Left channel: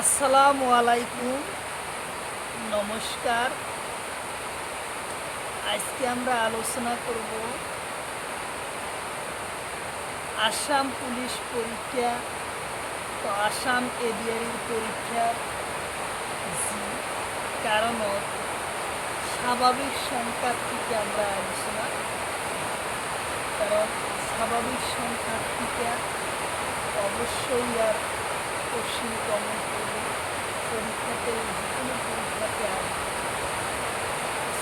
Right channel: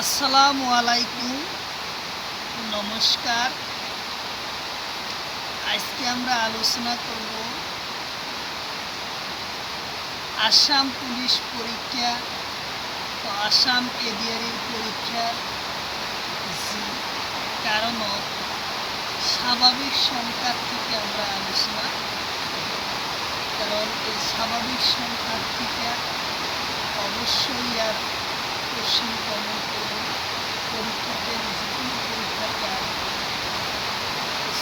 আসসালামু আলাইকুম, নমস্কার। আজকে আমরা আলোচনা করব আসাম পুলিশ পরীক্ষা ও আসাম এডিআরই পরীক্ষার যে কারণত স্বাভাবিক সংখ্যার থেকে আমরা আলোচনা, কারণ এই স্বাভাবিক সংখ্যার থেকে অবশ্যই আর কোশ্চিন কমন করব পরীক্ষাতে, যে কোনো পরীক্ষাতে আসবে।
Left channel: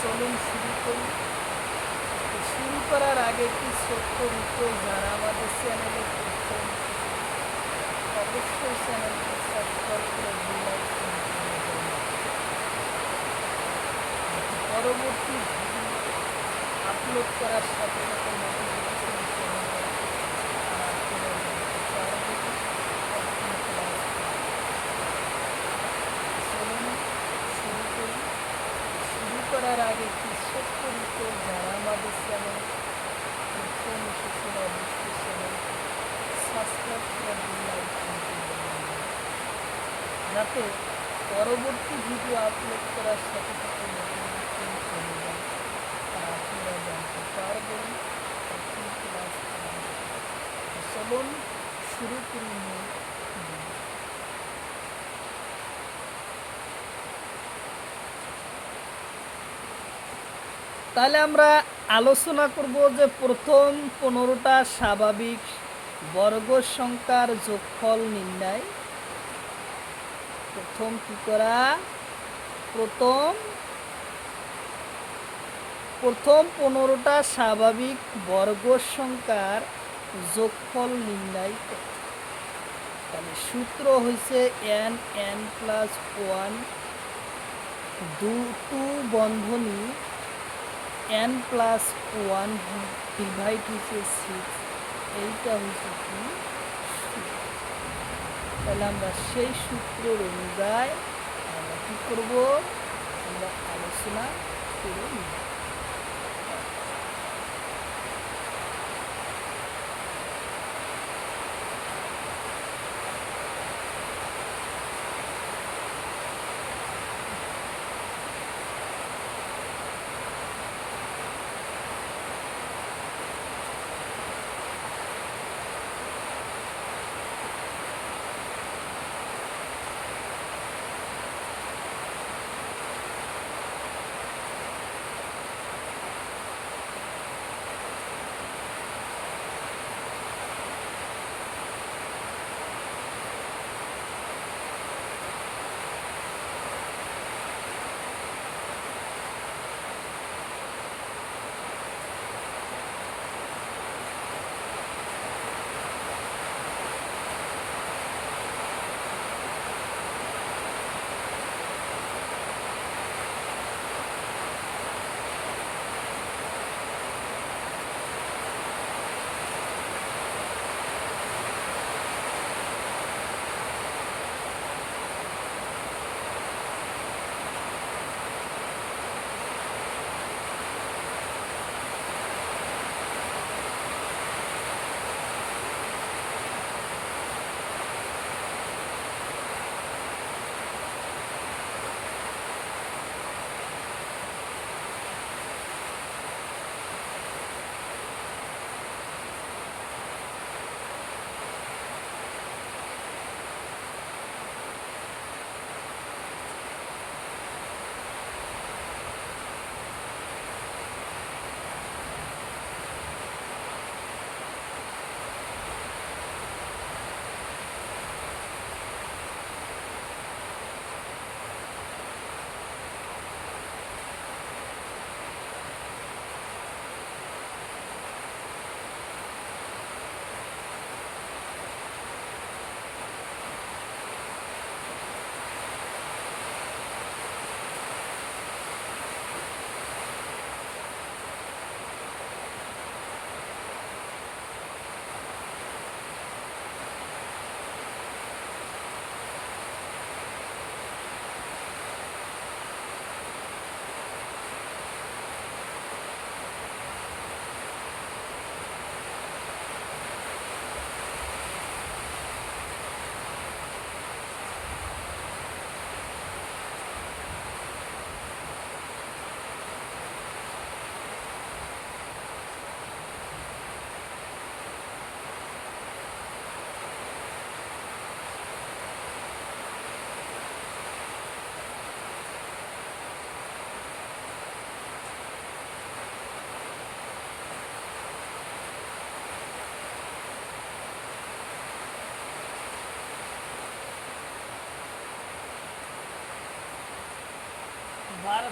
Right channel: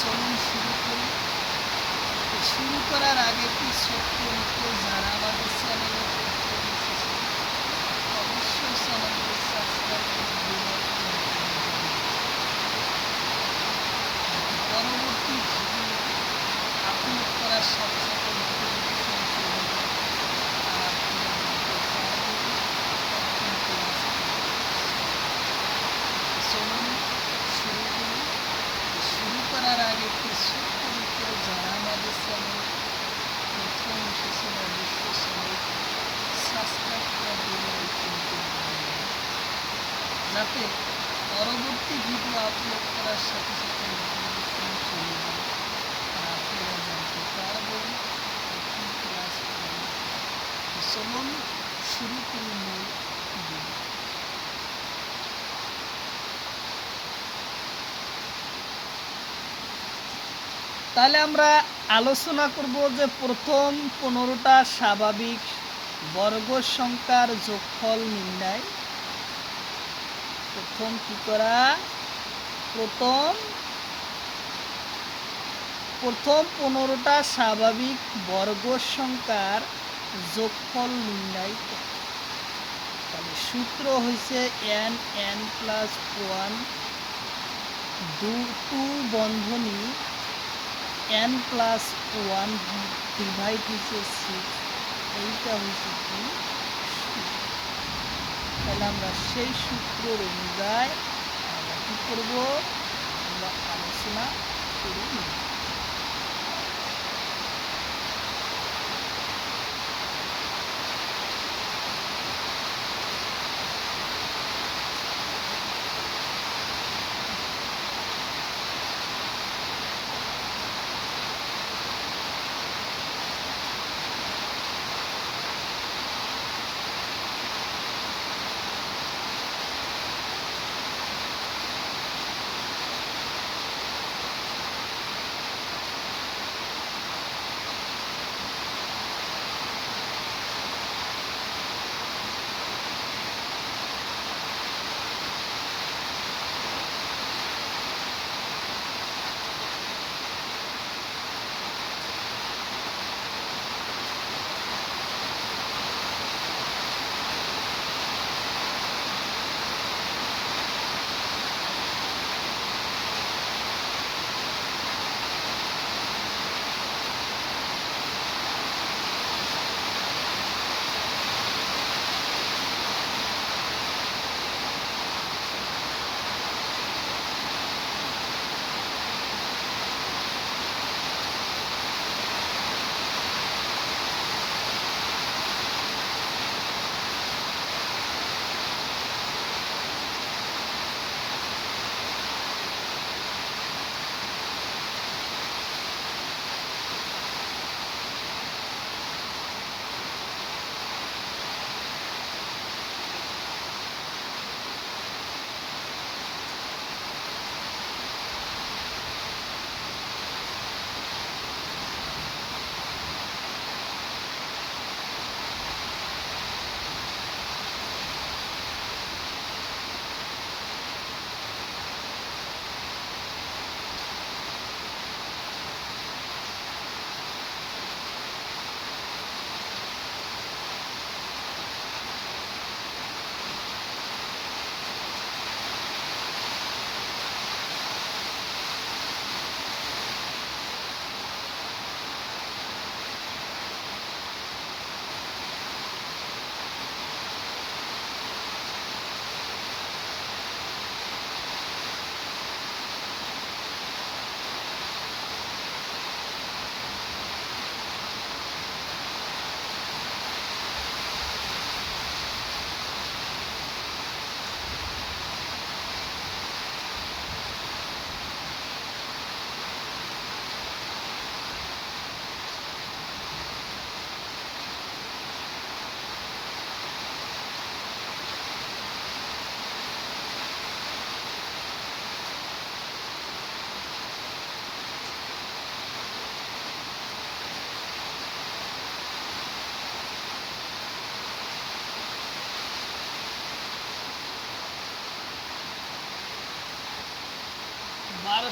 চলুন শুরু করি। শুরু করার আগে একটি ছোট্ট রিকোয়েস্ট, যারা আমাদের চ্যানেলে অবশ্যই চ্যানেলটি সাবস্ক্রাইব করে দিন, লাইক করে দিন। পরবর্তী ভিডিও আপলোড করার সাথে সাথে নোটিফিকেশন চলে যায়, আর আপনারা জানতে পারবেন একদিন ক্লাস। চলুন শুরু করি। শুরু করার আগে একটি ছোট্ট রিকোয়েস্ট, যারা আমাদের চ্যানেল প্রথম এসেছেন অবশ্যই চ্যানেলটি সাবস্ক্রাইব করে দিন, লাইক করে দিন, যাতে পরবর্তী ভিডিও আপলোড করার সাথে সাথে নোটিফিকেশন চলে যায়, আর আপনারা জানতে পারবেন কখন ক্লাস করেন। চলুন শুরু করি মূল ভিডিও। তাহলে আমরা আলোচনা করব যে প্রথম 15টা স্বাভাবিক বর্গ সংখ্যার যোগফল নির্ণয়। প্রথম কি করা? প্রথম 15টা স্বাভাবিক বর্গ সংখ্যার যোগফল নির্ণয় করা। তাহলে সূত্র হয়েছে n+1 2 বন্ধনী n+1 ডিভাইড হয়েছে 6। এইটা হয়েছে কি? তাহলে আমরা সেই সূত্রের অনুযায়ী আমরা কী করবো? আমরা আলোচনা করে নিব।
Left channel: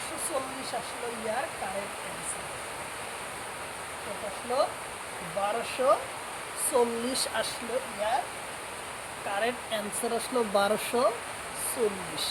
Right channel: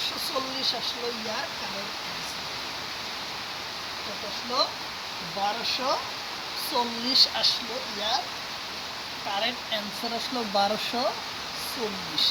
1240 আসলো ইয়ার কারেক্ট অ্যান্সার। কত আসলো? 1240 আসলো ইয়ার কারেক্ট অ্যান্সার আসলো 1240।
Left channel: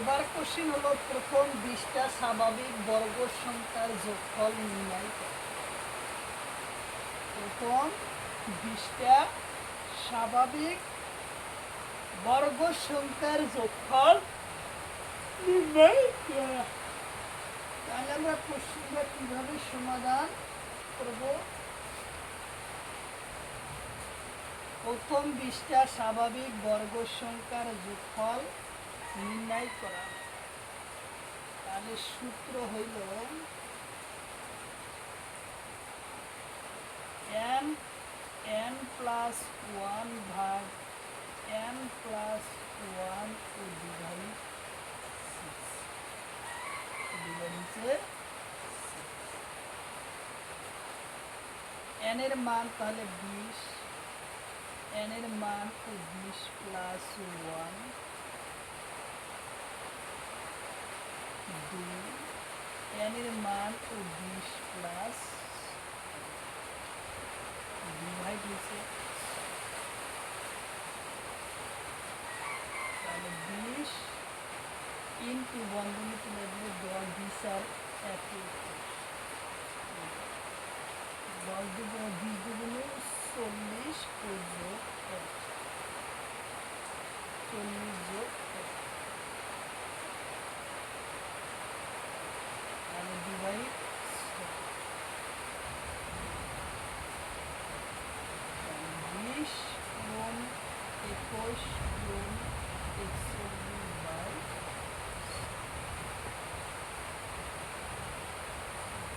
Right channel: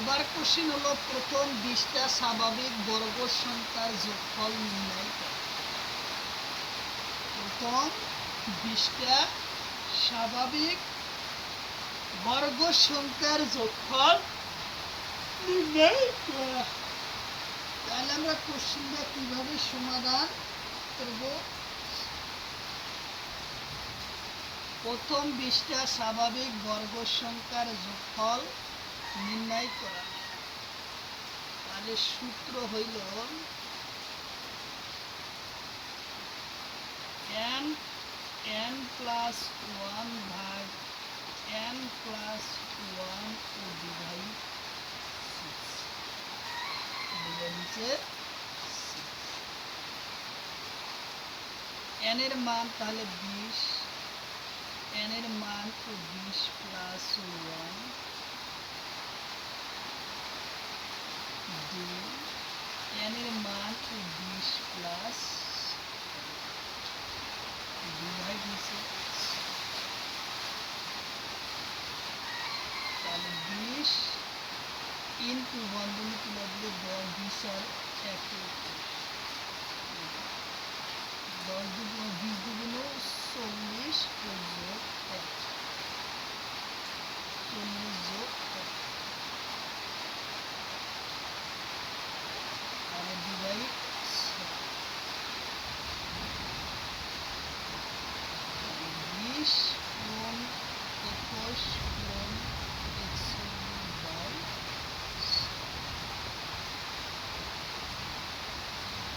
এবার কোশ্চিন হলো প্রথম 20টা স্বাভাবিক বর্গ সংখ্যার যোগফল নির্ণয় করো। প্রথম 20টা স্বাভাবিক বর্গ সংখ্যার যোগফল নির্ণয় করা। তাহলে আমরা কোশ্চিনটা কিভাবে সমাধান করব? প্রথম 20টা স্বাভাবিক বর্গ সংখ্যার যোগফল নির্ণয় করা। তাহলে সূত্র হইল n প্লাস 1 ভাগ n প্লাস 1 ও ডিভাইড 6 n এর মান তাহলে 20, n এর মান 20 প্লাস 1 2, n এর মান 20 প্লাস ডিভাইড হয়েছে, তাহলে 20 ইন্টু বন্ধনী তুলে দিলে 10 20 আর 1 10 দুগুণ 20 দুগুণ 40 যোগ 1 40 যোগ 1 তাহলে ডিভাইড 20 গুণ 21 গুণ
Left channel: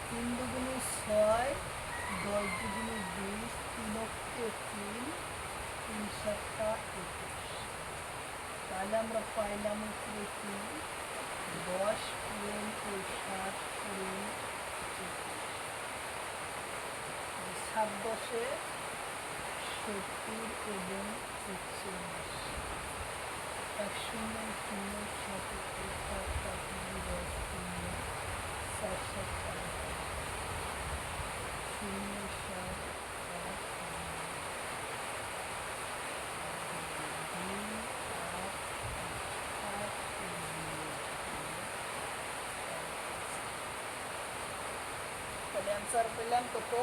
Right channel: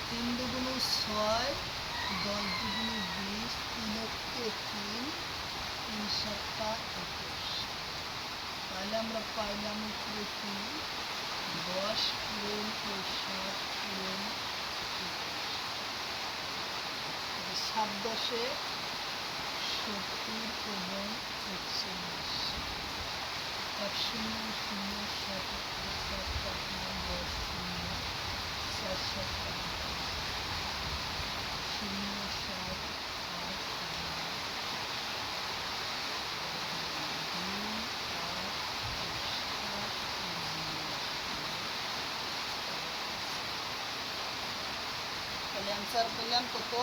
3 দুগুণ 6 10 দুগুণ 20 3 অক্ষে 3 3 7টা 21। তাহলে আমরা পাইলাম উপরে 10 গুণ 7 গুণ 7 10 70 এবং 41 1 0 0 7 7 7 10 0 7 7 0 7 8 তাহলে অ্যান্সার পেলাম কত?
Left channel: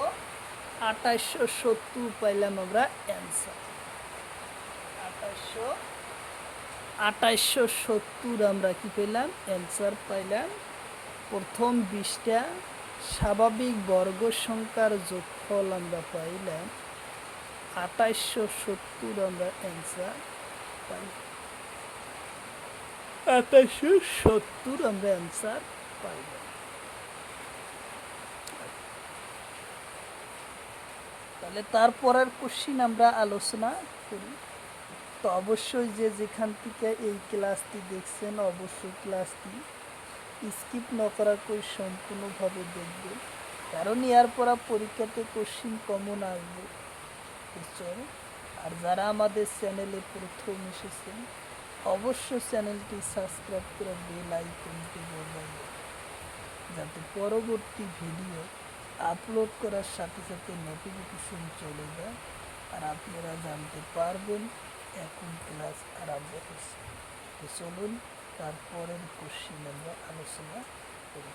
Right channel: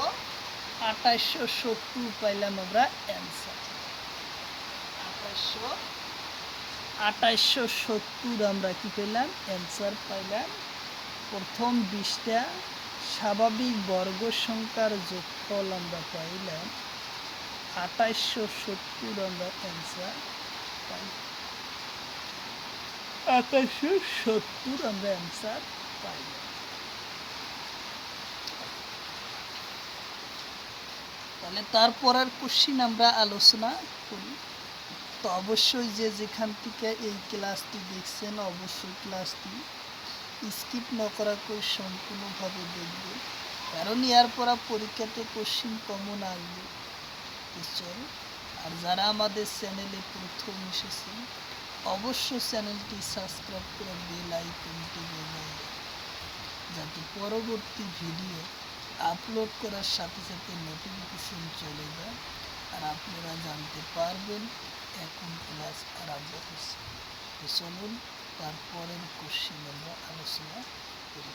2870 পাইলাম আমরা অ্যান্সার। 2870 আমরা কি পেলাম? অ্যান্সার পাইলাম। প্রথম 20টা স্বাভাবিক বর্গ সংখ্যার যোগফল আমরা পাইলাম 2870 আমরা অ্যান্সার পাইলাম। 2870 আমরা অ্যান্সার পাইলাম। তাহলে তারপরের কোশ্চিন আমরা আলোচনা করি। তো অবশ্যই যেখান থেকে এই ক্লাসটি দেখছেন অবশ্যই ক্লাসটি স্কিপ না করা করে সম্পূর্ণভাবে দেখবেন, কারণ এর পরা পরীক্ষাতে কোশ্চিন কমন আসবে। আর যারা আমাদের চ্যানেলে প্রথম এসেছেন অবশ্যই চ্যানেলটি সাবস্ক্রাইব করে বেল আইকনটি বাজাবেন, যাতে পরবর্তী ভিডিও আপলোড করার সাথে সাথে নোটিফিকেশন চলে যায় আর আপনারা জানতে পারবেন এখন ক্লাস আরম্ভ হচ্ছে। তো চলুন তারপরের কোশ্চিন আমরা আলোচনা করি।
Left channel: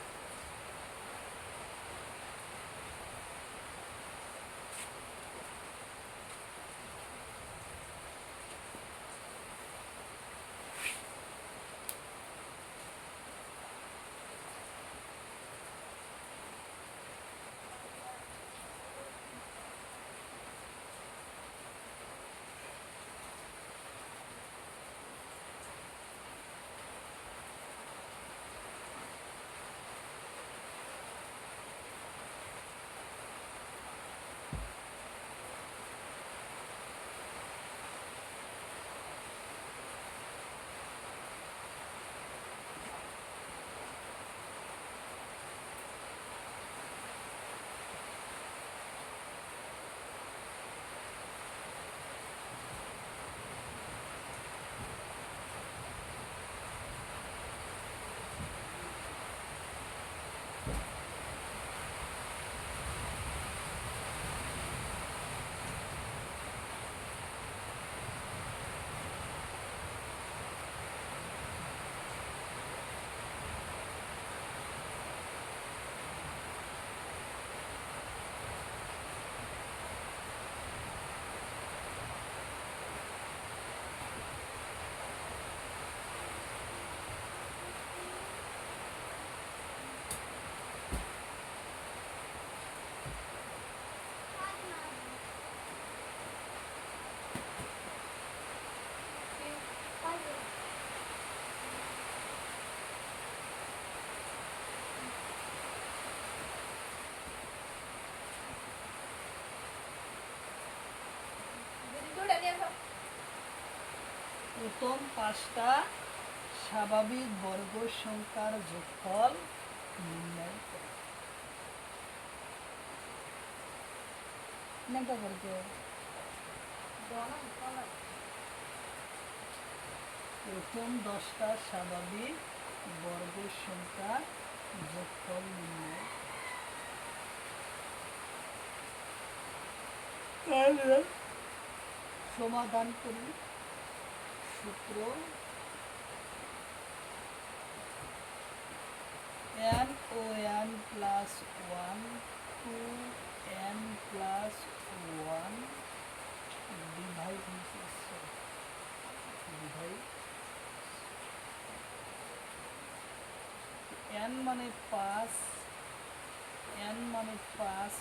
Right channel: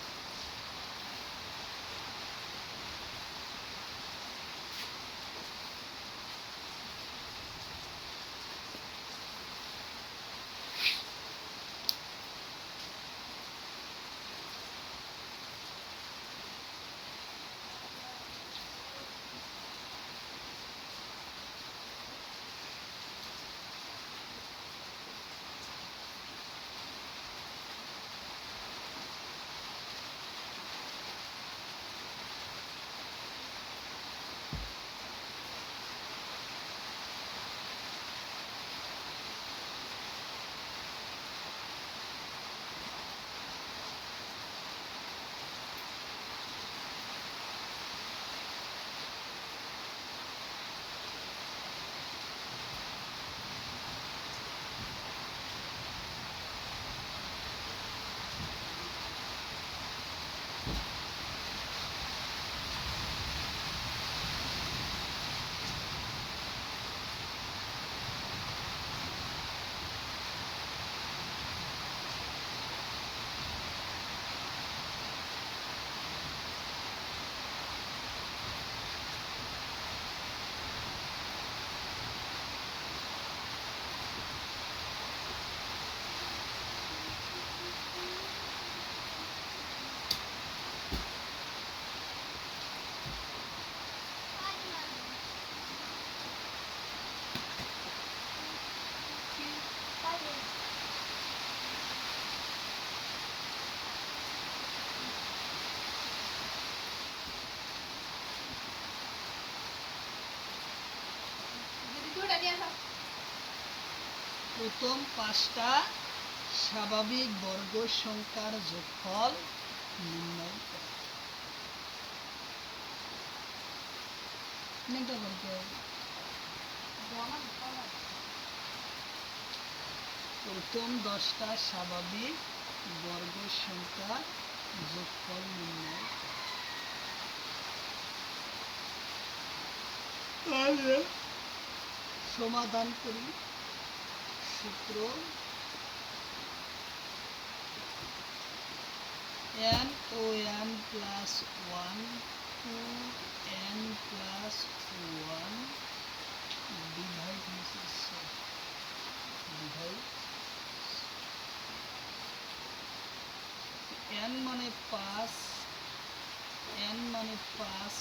প্রথম 5টা স্বাভাবিক বর্গ সংখ্যার যোগফল নির্ণয় করো। প্রথম 10টা স্বাভাবিক বর্গ সংখ্যার যোগফল নির্ণয় করো। সমাধান করি। সূত্র n ও n প্লাস 1 টু n প্লাস 1 ডিভাইড n মানে 5, n মানে 5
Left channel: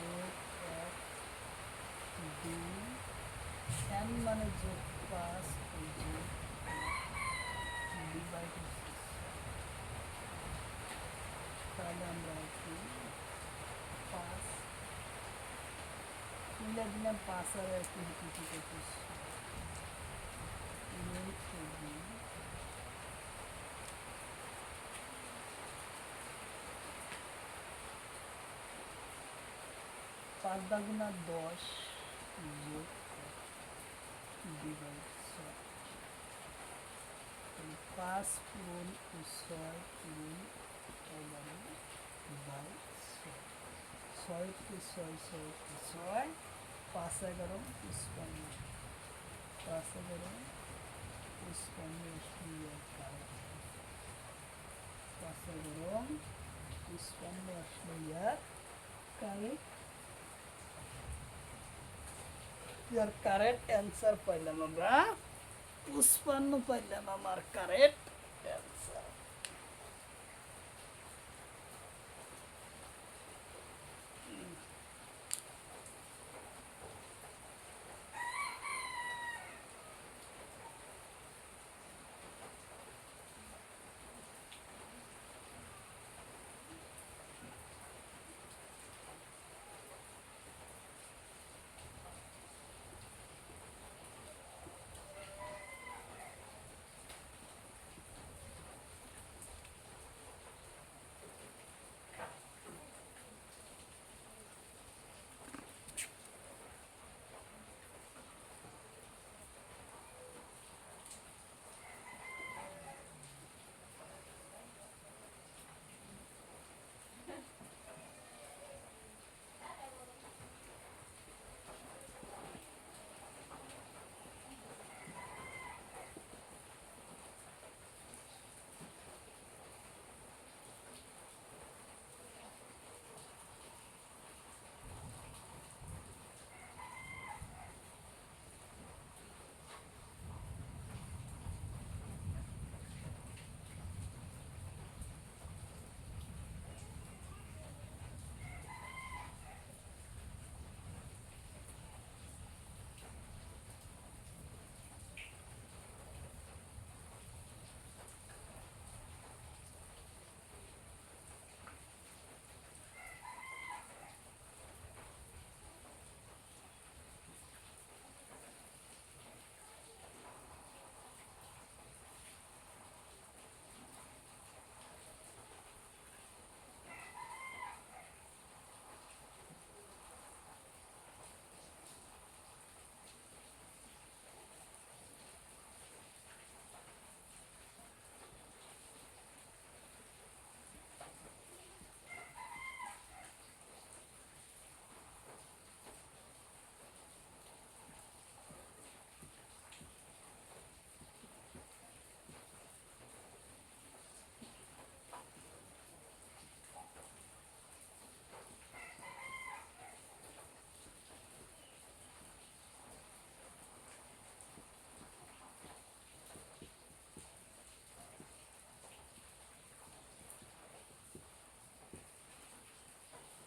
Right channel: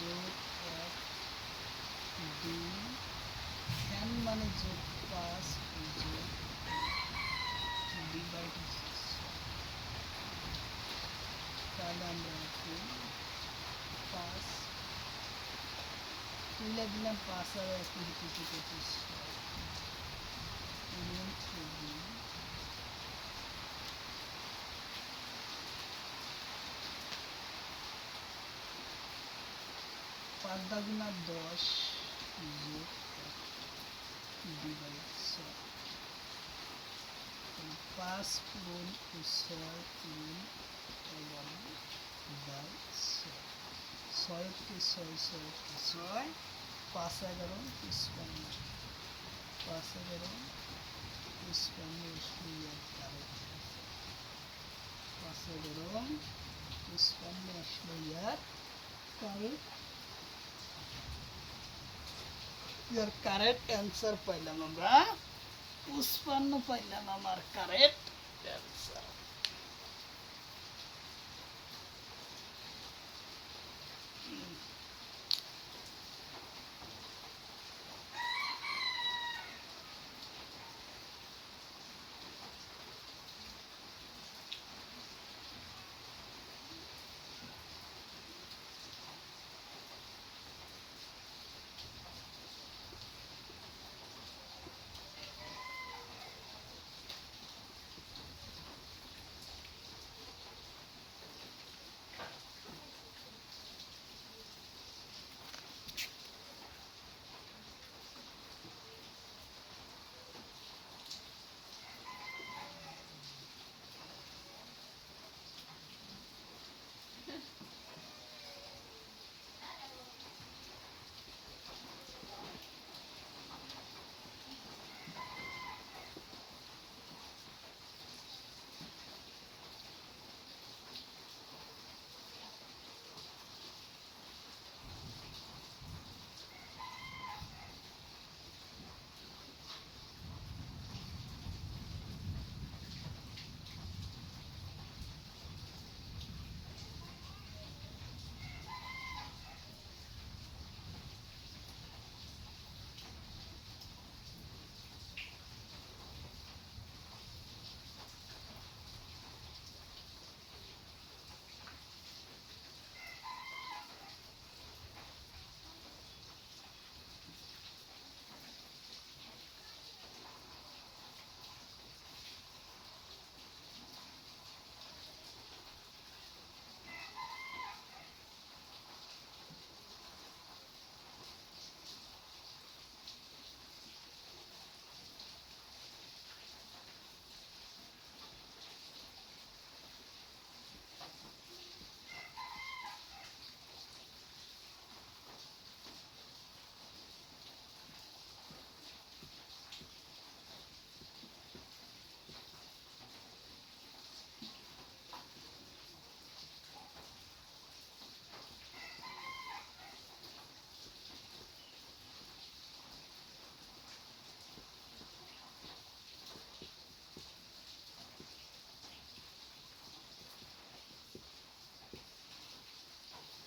যোগ 1 2, n মানে যোগ 5 যোগ ডিভাইড। তাহলে আমরা একটু 5 তুলে দিলাম, 5 আর 1 কিছু 25 5 দাগুনা 10 যোগ 2/6 5 গুণ 6 গুণ 11/6 6 কে 6 6 কে 6 5 11 55 5 11 55 আসলে কারেক্ট 5 11 55 আসলে কারেক্ট ইয়ার কারেক্ট অ্যান্সার পাইলাম আমরা 55 পাইলাম আমার কারেক্ট অ্যান্সার।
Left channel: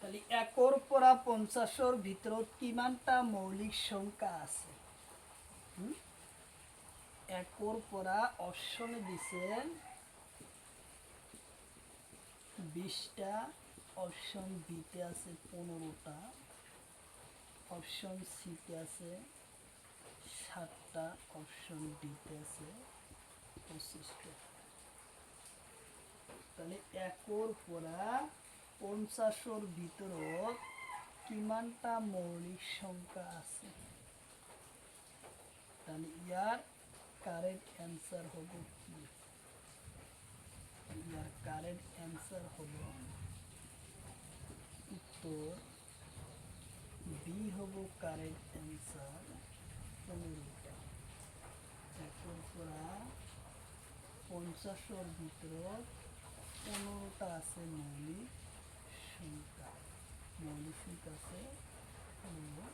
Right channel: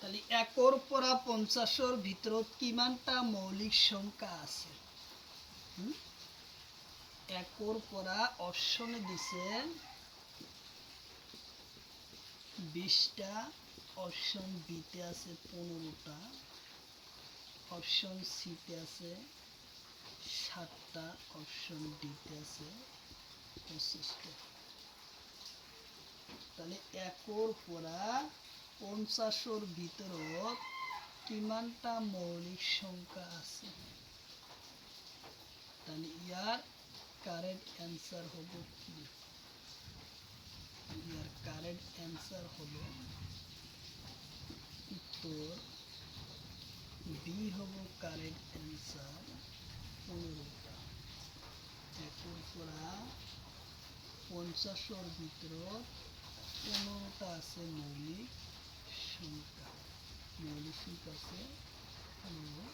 তাহলে 1 পৰা 50 ভিতৰত কিমানটা মৌলিক সংখ্যা আছে? 1 পৰা অপশনে দিছে 20টা, অপশন বিতে আছে 15টা, অপশন সিতে আছে 7টা, অপশন ডিতে আছে 25টা। তাহলে একর পরা 50-র ভিতৰত কিমানটা মৌলিক সংখ্যা আছে? তাহলে ইয়ার কারেক্ট অ্যান্সার হবে কি? ইয়ার কারেক্ট অ্যান্সার হলো উত্তর বি হব কারেক্ট অ্যান্সার 15টা। একর পরা 50-র ভিতৰত 15টা আছে মৌলিক সংখ্যা। মৌলিক সংখ্যা আছে 15।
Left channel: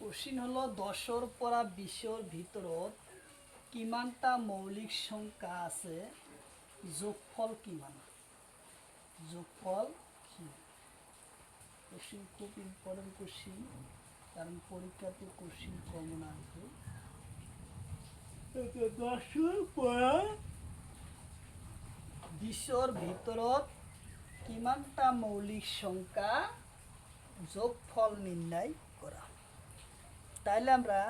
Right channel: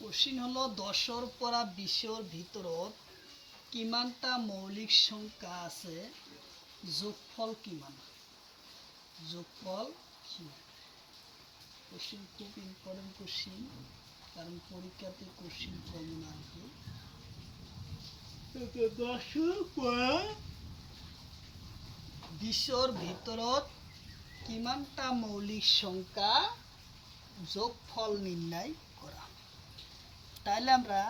কোশ্চিন হলো 10-ৰ পৰা 20-ৰ ভিতৰত কিমানটা মৌলিক সংখ্যা আছে, যোগফল কিমান? যোগফল কিমান? কোশ্চিন খুব ইম্পর্টেন্ট কোশ্চিন, কারণ পরীক্ষাতে কোশ্চিন কমন আসবে। 10-ৰ পৰা 20-ৰ ভিতৰত কিমানটা মৌলিক সংখ্যা যোগফল নির্ণয় করা। তাইলে আমরা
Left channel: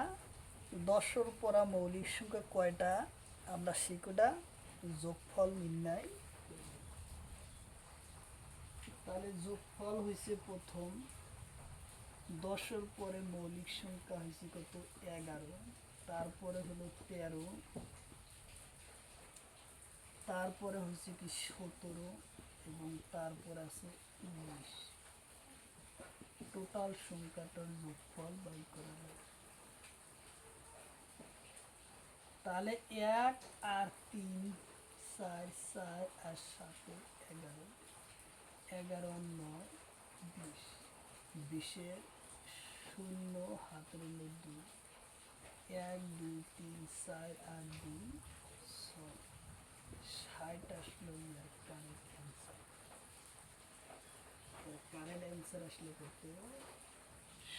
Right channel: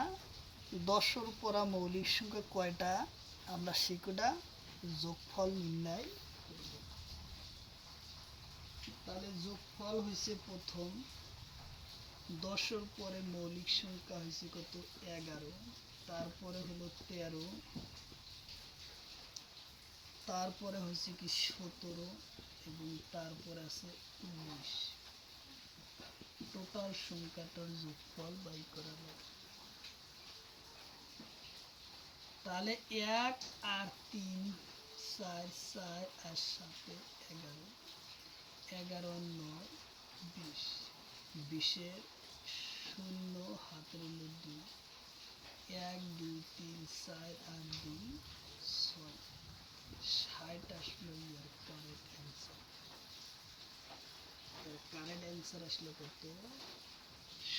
10-র পরা মৌলিক সংখ্যা কয়টা আমরা সেটা যোগফল নির্ণয় করব। তাহলে যোগফল হয়েছে প্রথম 10-র পরে মৌলিক সংখ্যা হয়েছে কত 11, তারপরে হলো 13, তারপরে হয়েছে কি 17 এবং তারপরে আছে 19। টোটাল সংখ্যাটার যোগফল বাই করা লাগে। তাহলে 1 আর 3 4 4 আর 7 11, 11 9 20, 20-এর 0 হাতের হলো 2, 1 2 3 4 আর 2 6, 60 আসলো ইয়ার কারেক্ট অ্যান্সার। কারেক্ট অ্যান্সার আসলো কত?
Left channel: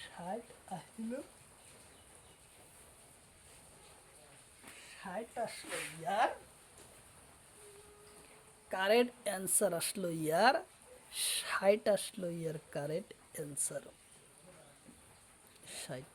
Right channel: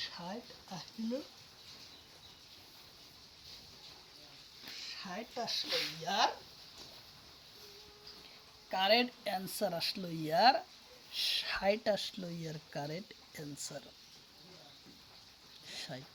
60 আসলো। 60 আসলো ইয়ার কারেক্ট অ্যান্সার আসলো ইয়ার 60 আসলো ইয়ার কারেক্ট অ্যান্সার 60।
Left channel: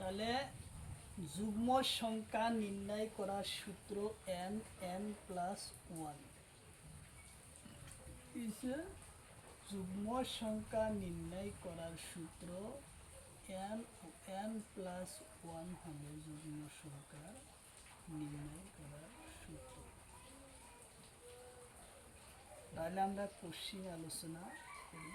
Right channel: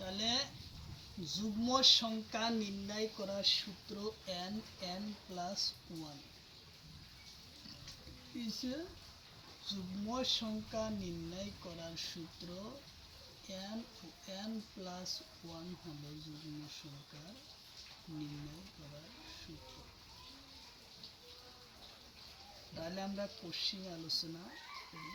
তাহলে যুগ্ম সংখ্যা নির্ণয় করার সূত্র n n প্লাস ওয়ান। যুগ্ম সংখ্যা নির্ণয় করার সূত্র n ও n প্লাস ওয়ান হল যুগ্ম সংখ্যা নির্ণয় করার সূত্র। তাহলে আমরা কোশ্চিন আলোচনা করি।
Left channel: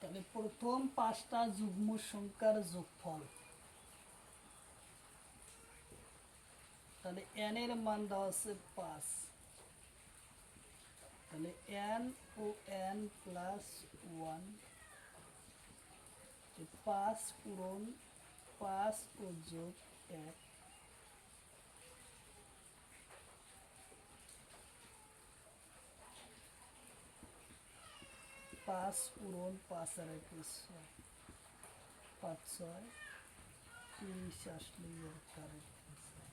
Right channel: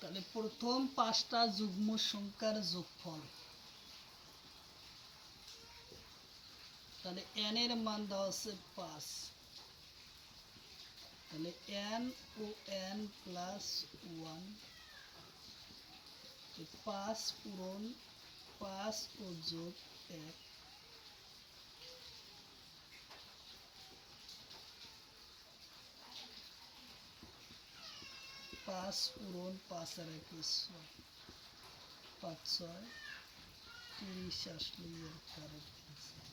তাহলে প্রথম পাঁচটা যুগ্ম সংখ্যার যোগফল। তাহলে n এর মান দেওয়া আছে 5। তাহলে n ও n প্লাস ওয়ান, 5 পূরণ 5 ও যোগ 1, 5 পূরণ 5 আর 1 6, 5 6 30 আসলে এর কারেক্ট অ্যান্সার।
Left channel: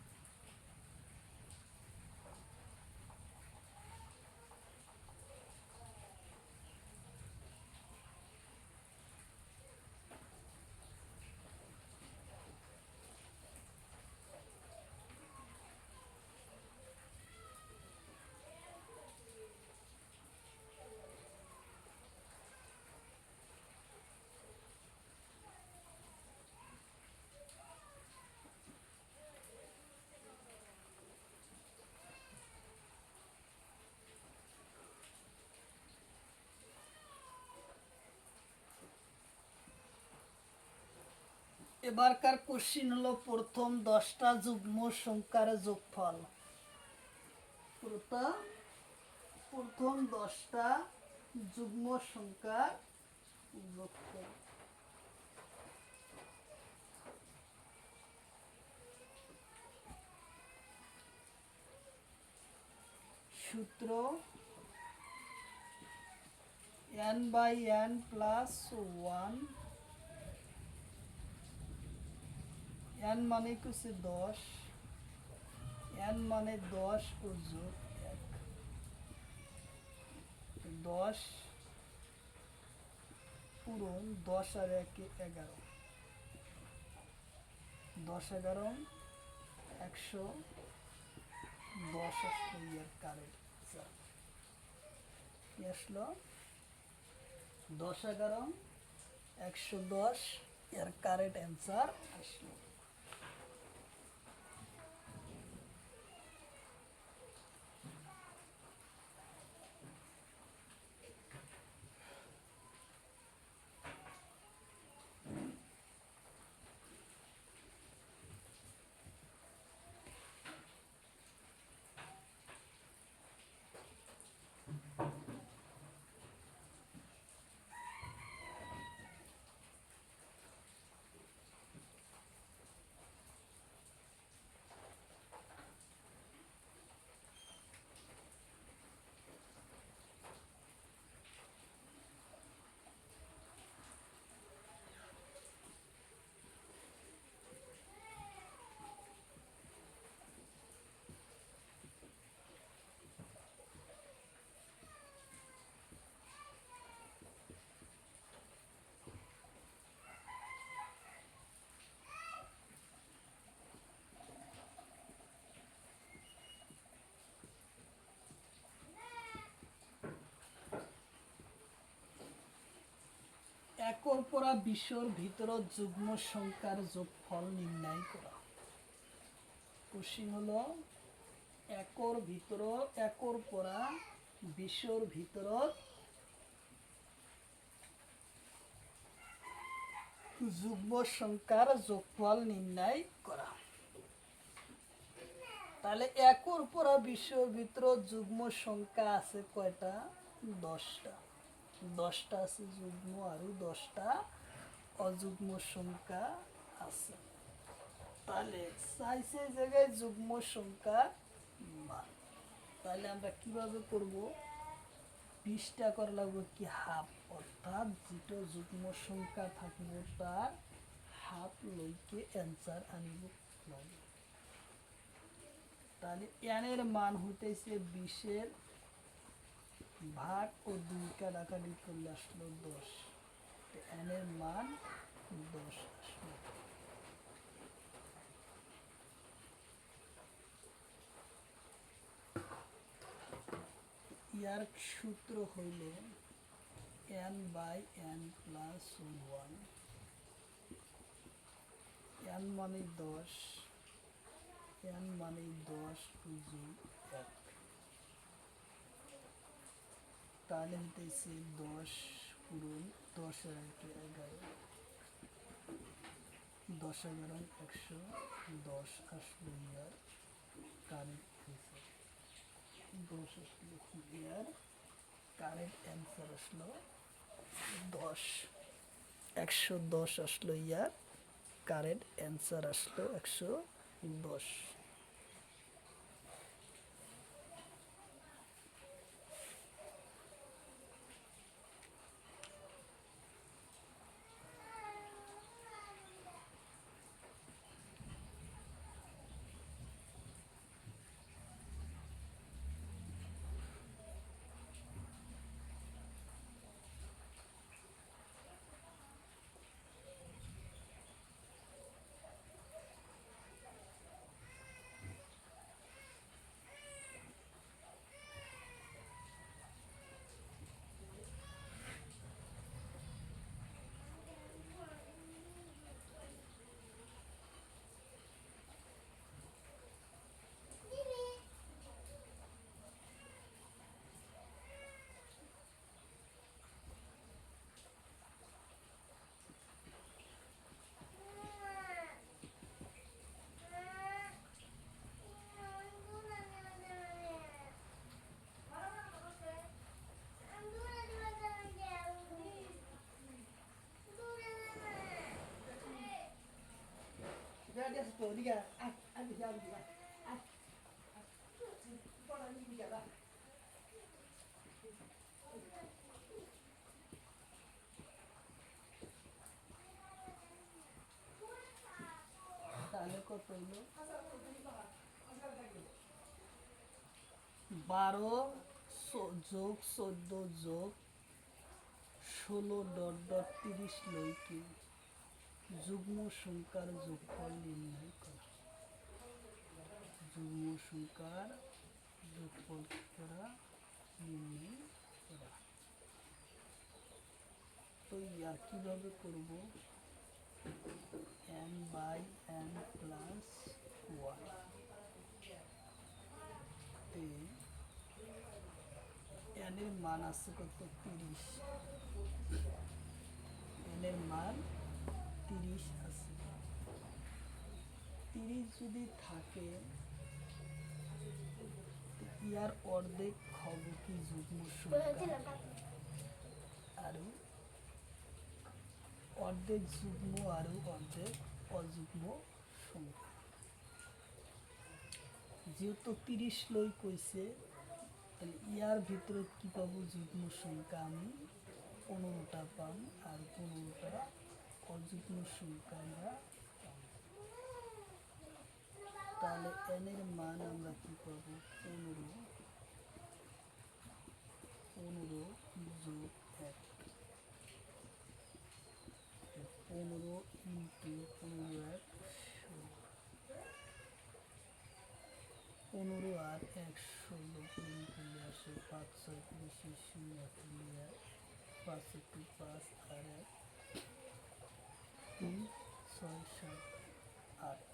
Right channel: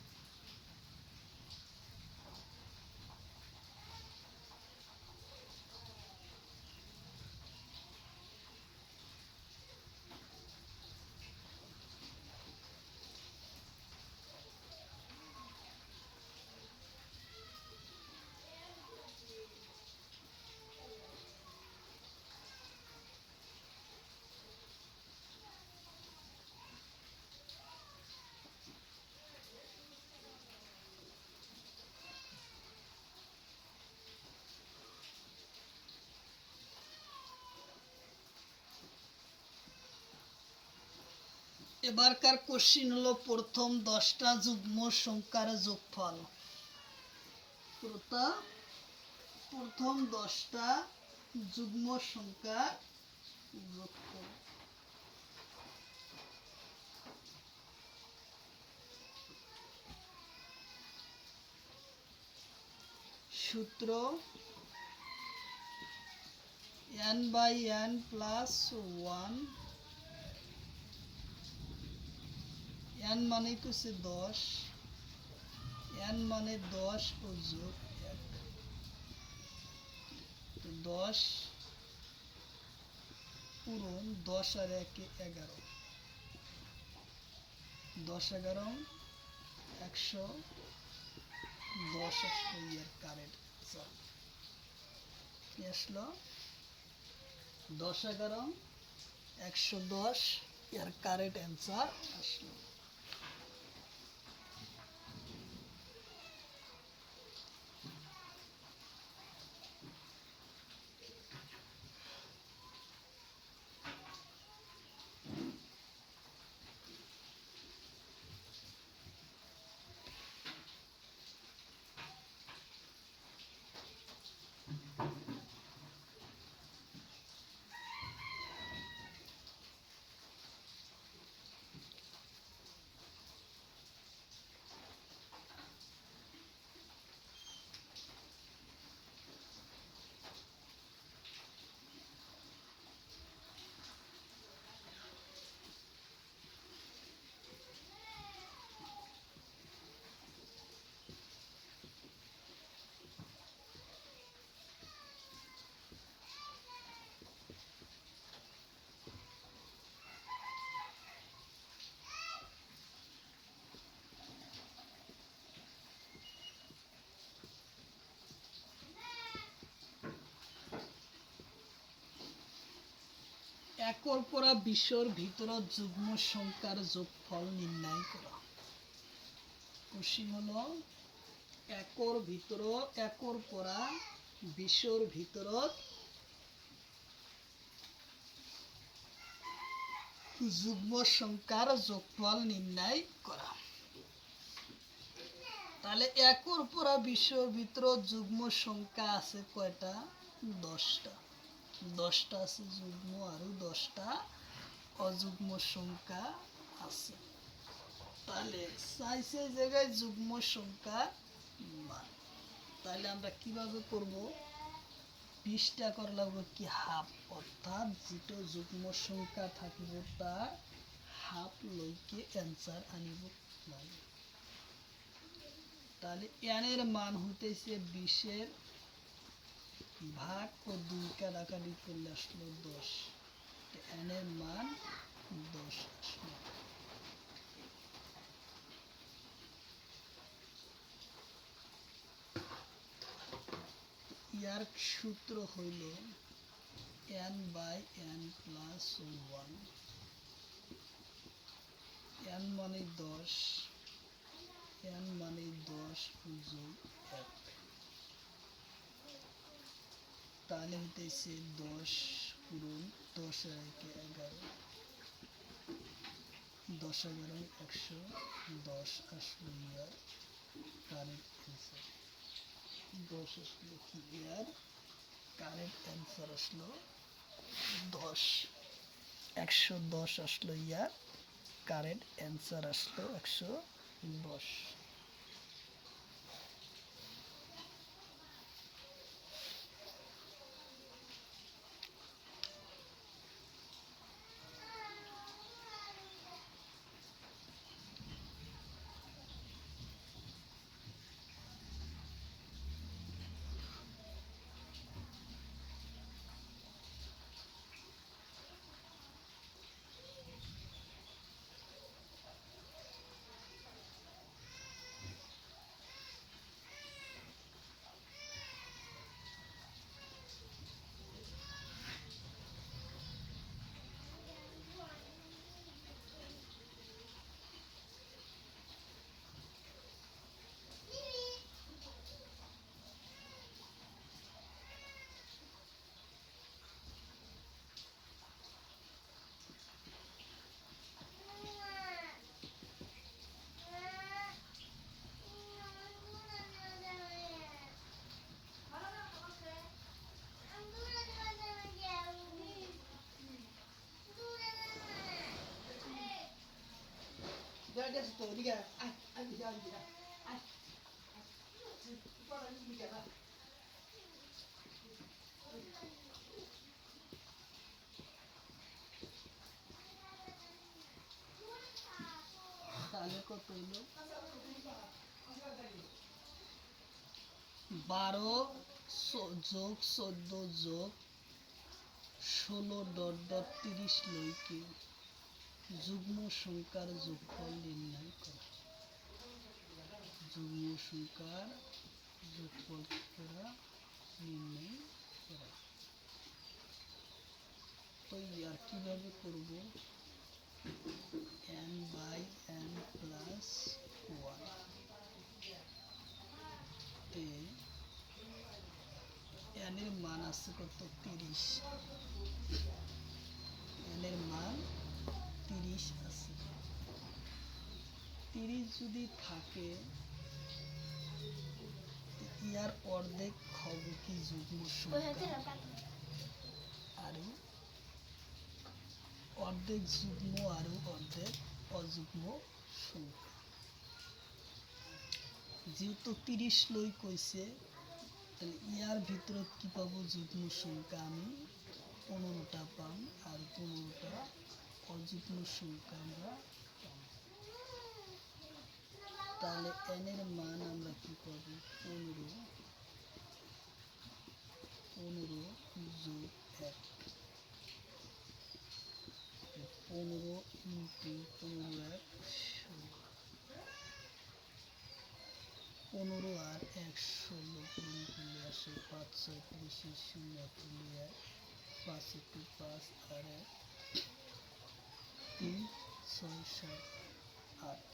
এবারকার কোশ্চিন হলো প্রথম 10টা যুগ্ম সংখ্যার যোগফল। প্রথম 10টা যুগ্ম সংখ্যার যোগফল। সূত্র n by n plus one. n মানে হচ্ছে 10, n মানে 10 ও যোগ 1, 10 পূরণ 10 আর 1 11, 10 11 110 আসলো এর কারেক্ট অ্যান্সার। কি আসলো? 10 11 110 এর কারেক্ট অ্যান্সার আসলো। একর পরা বিশ্বর ভিতরত যুগ্ম সংখ্যার যোগফল নির্ণয় করা। কোশ্চিন হলো একর পরা বিশ্বর ভিতরত যুগ্ম সংখ্যার যোগফল নির্ণয় করা। তাহলে একর পরা বিশ্বর ভিতরত যুগ্ম সংখ্যা আছে কয়টা? 10টা। 10টা আছে যুগ্ম আরও 10টা অযুগ্ম সংখ্যা আছে। তাহলে চাইছে জায়গায় যুগ্ম সংখ্যার মান। তাহলে আমরা কিভাবে করব? 20টা করা লাগবে কি হাফ, অর্থাৎ যেটা যুগ্ম সংখ্যা থাকিব তার হাফ লইকে অ্যান্সার আনিব লাগে। তাহলে এর মান হইতেছে 20-এর ভাগ ও 2 কাটাকাটি করলে আসলো 10। এর মান 10 আসলো। ইয়ার সূত্র হইল n/n+1। n মানে 10, n মানে 10 যোগ 1। তাহলে হইতেছে 10 পূরণ 10 আর 1 11, 10 11 110 আসলো ইয়ার কারেক্ট অ্যান্সার। 10 আসলো ইয়ার কারেক্ট অ্যান্সার আসলো 10। 110 আসলো ইয়ার কারেক্ট অ্যান্সার আসলো 110। তাহলে কত হইল? 12 যোগ 14 যোগ 16 ... লইকে যুগ্ম সংখ্যার যোগফল নির্ণয় করা। যুগ্ম সংখ্যার যোগফল করা নির্ণয় করা। তো আর কিভাবে করব? n/n+1 তে n এর মান আছে কত? 30। n এর মান 30 আছে। 30 যদি থাকে ইয়ার অর্ধেক হবে কি যুগ্ম সংখ্যা, আর অর্ধেক যুগ্ম আর অর্ধেক অযুগ্ম সংখ্যা। যেহেতু 30 লই কইছে, তাহলে ইয়ার ভিতরে কি পাবো? যুগ্ম সংখ্যা আমি 15টা পাম, আর 15টা অযুগ্ম সংখ্যা আমরা পাম। তাহলে n এর মান আমরা কি পাবো? 15 যোগ 1। 15 ইন্টু 15 15 আর 116 গুণ করলে আসে 5 6 0 তুলে 5 একটু 5 আর 1 3 6 7 8।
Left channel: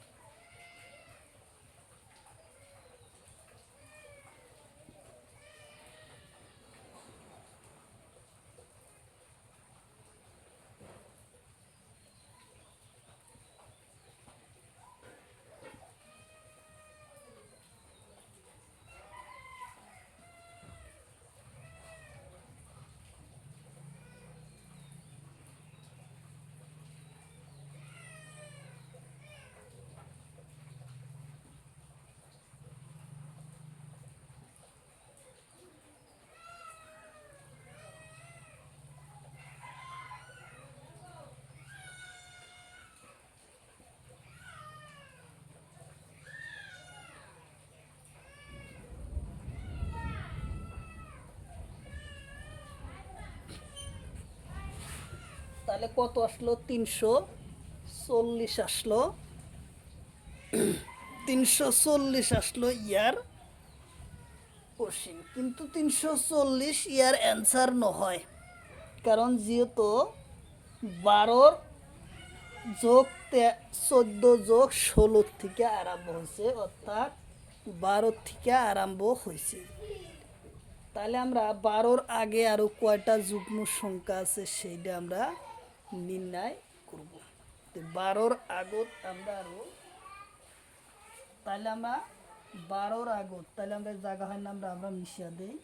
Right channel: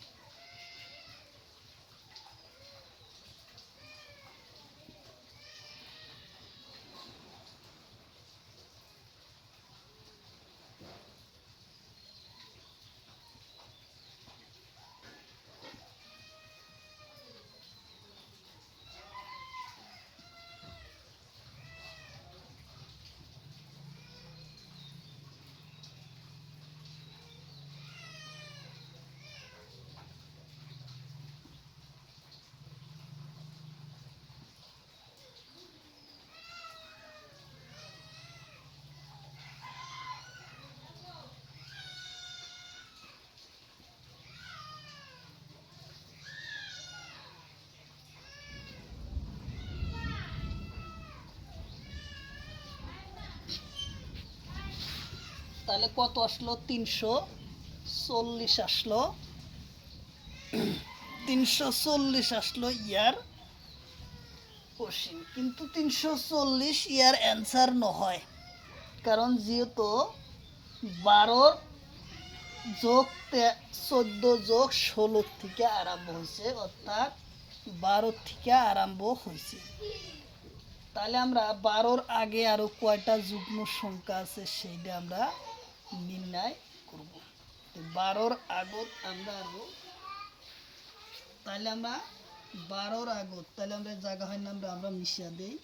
তাহলে কত আসলো? 340 আসলো। 340 আসলো ইয়ার কোশ্চিন, কিন্তু 340 ইয়ার অ্যান্সার নহয়, কারণ যেহেতু 12 যোগ 14 যোগ 16 থেকে আরম্ভ হয়েছে, অর্থাৎ 12 থেকে আরম্ভ হয়েছে। তাহলে আমরা 12-র আগে আরও কয়টা যুগ্ম সংখ্যা আছে সেইটা আমরা নির্ণয় করব। 12-র আগত আমরা আরও, তাহলে আমরা 12-র আগত, তাহলে আমরা জায়গা হয় না, আমরা মিশিয়ে দিই।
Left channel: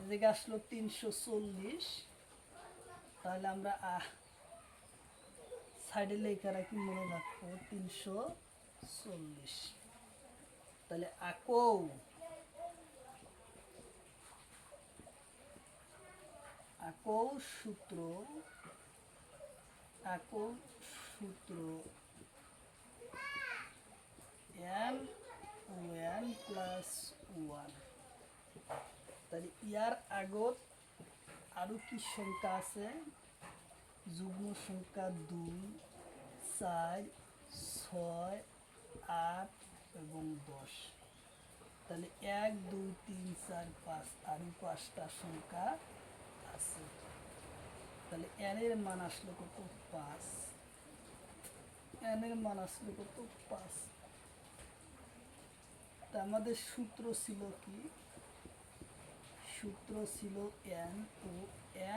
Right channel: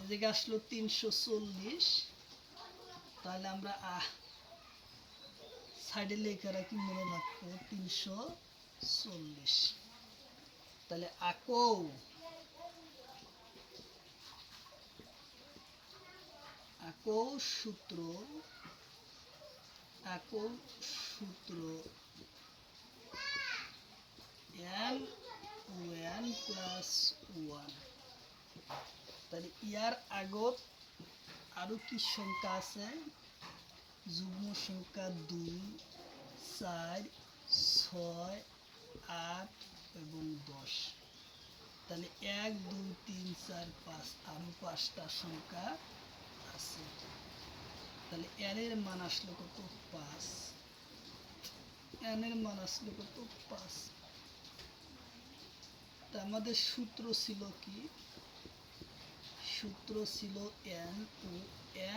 এদিকে আসলো 340, তাহলে আমরা সাইডে লেখা রাখি, মনে রাখবো 340। তাহলে আকৌ সূত্র n ও n প্লাস 1। তাহলে ইয়ার আগত আরো কি সংখ্যা আছে? যুগ্ম সংখ্যা 2, 4, 6, 8 এবং 10। তাহলে 1, 2, 3, 4, 5 আরো 5টা সংখ্যা আছে। তাহলে n এর মান আসলো কত? 5। n এর মান আসলো কত? 5। তা আমাদের সূত্র ছিল কি? সূত্র ছিল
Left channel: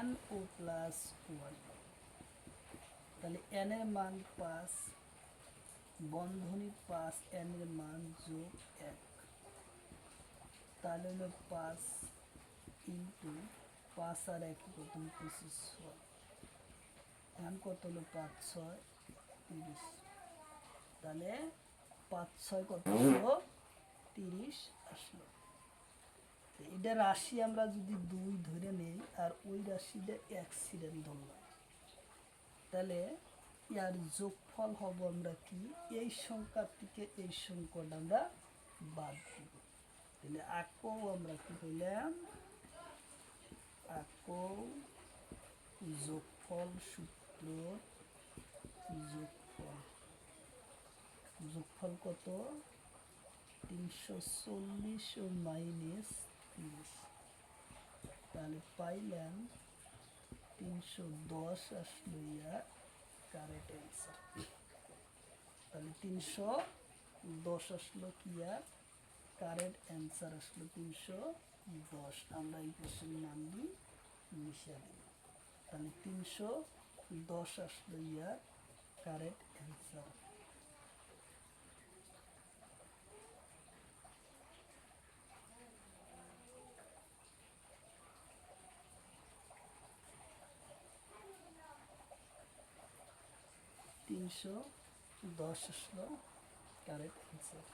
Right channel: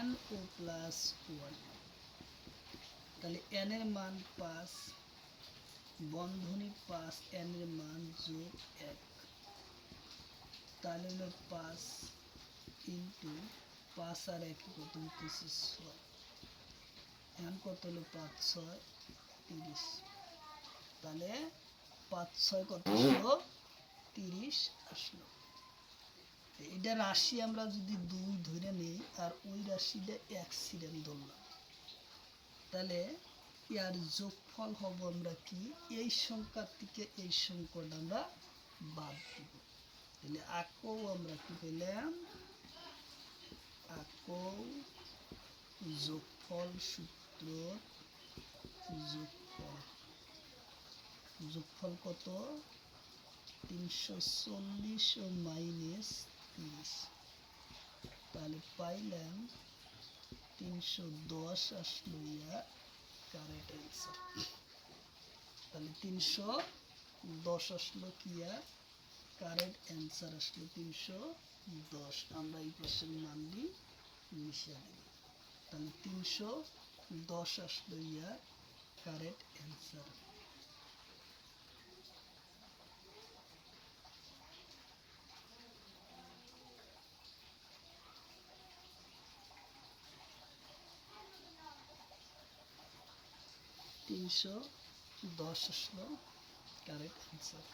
n ও প্লাস 1। তাহলে n এর মান 5, বন্ধনী 5, n এর মান যোগ 1, তাহলে হলো 5 ইন্টু 5 আর 1 কত হইতেছে 6। n কত হলো? 5, 6, 30। তাহলে 5, 6 কত হলো? 30 আসলো। এটা রাশি আমরা যদি 2 ধরে নেই আর ওই রাশিটা অ্যাক্সিডেন্ট ধরলাম, তাহলে ইয়ার যোগফল হব আমরা কি? এই সংখ্যা থেকে এই সংখ্যাটা আমরা বাদ দিব। তাহলে আকৌ আমরা কি পেলাম? আকৌ যোগফল সূত্র, যোগফল কত? 340 ও মাইনাস 30। তাহলে পাইলাম 310 আসলো ইয়ার কারেক্ট অ্যান্সার। তাহলে 310 আসলো কি ইয়ার কারেক্ট অ্যান্সার আসলো 310। আমরা এই পাশের মানটি মিশিয়ে দিই। তাহলে 310 আসলো ইয়ার কারেক্ট অ্যান্সার। তিনশো 10 আসলো কারেক্ট অ্যান্সার।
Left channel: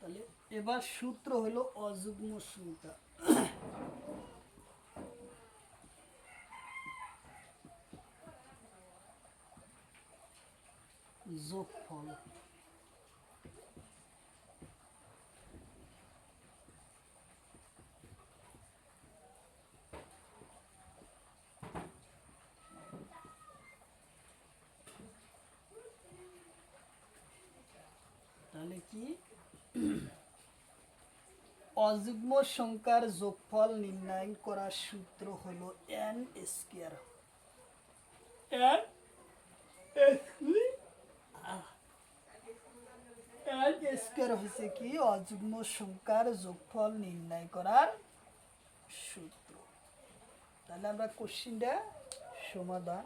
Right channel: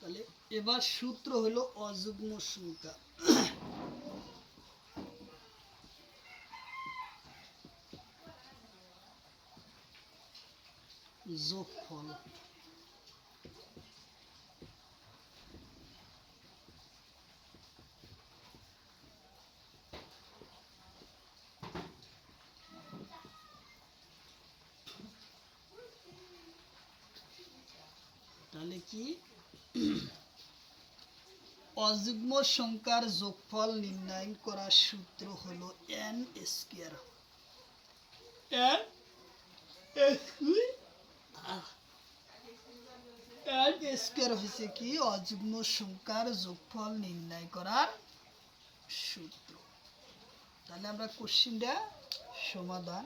তাহলে এবার সূত্র হলো অযুগ্ম সংখ্যা। যোগফল অযুগ্ম সংখ্যার যোগফল নির্ণয় করার সূত্র হলো n স্কয়ার। n স্কয়ার হচ্ছে কি অযুগ্ম সংখ্যার যোগফল নির্ণয় করার সূত্র। তাহলে আমরা কোশ্চেনটা সমাধান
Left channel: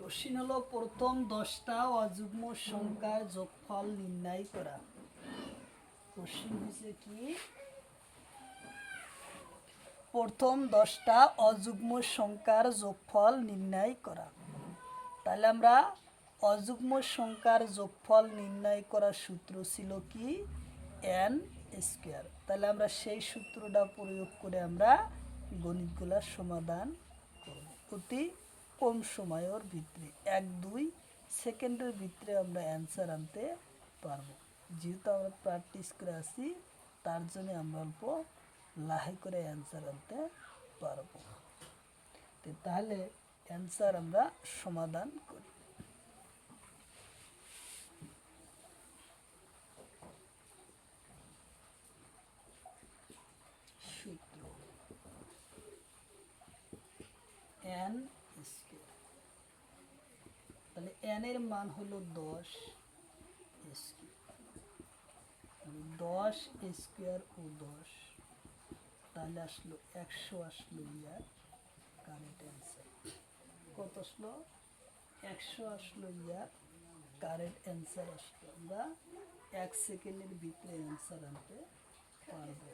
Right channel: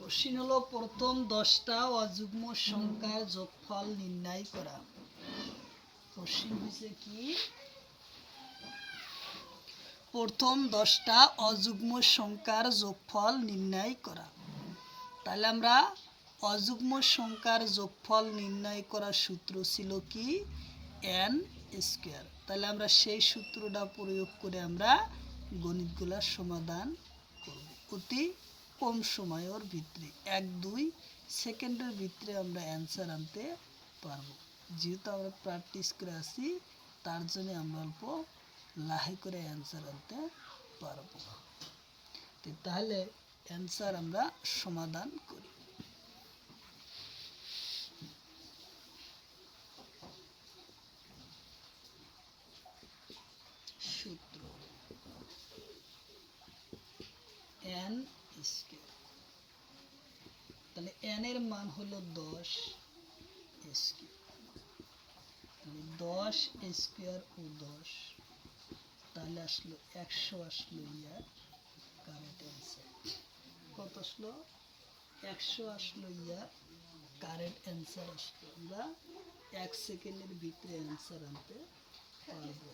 কোশ্চেন হলো প্রথম 10টা অযুগ্ম সংখ্যার যোগফল নির্ণয় করা। কোশ্চেন হচ্ছে কি প্রথম 10টা অযুগ্ম সংখ্যার যোগফল নির্ণয় করা। তাহলে আমরা অযুগ্ম সংখ্যার যোগফল নির্ণয় করার সূত্র ছিল কি n স্কয়ার। তাহলে আমরা সেই সূত্রটা প্রয়োগ করে আমরা গণিতগুলোর সমাধান করব অতি কম সময়ের ভিতরে 1-2 সেকেন্ডের ভিতরে আমরা অ্যান্সার আনতে পারবো। যেহেতু আমরা প্র্যাকটিস করে আসি তার জন্য আমরা অল্প লাহে করে অ্যান্সার আনতে পারবো। তাহলে অ্যান্সার আমরা সমাধান করি। সূত্র n স্কয়ার। তাহলে n এর মান হলো 10 স্কয়ার। 10 স্কয়ার ও 10 তাহলে আসলো 100 আসলো ইয়ার কারেক্ট অ্যান্সার। কত আসলো 100 আসলো ইয়ার কারেক্ট অ্যান্সার আসলো। আমরা 1 সেকেন্ডের ভিতরে অ্যান্সার আনতে পারবো।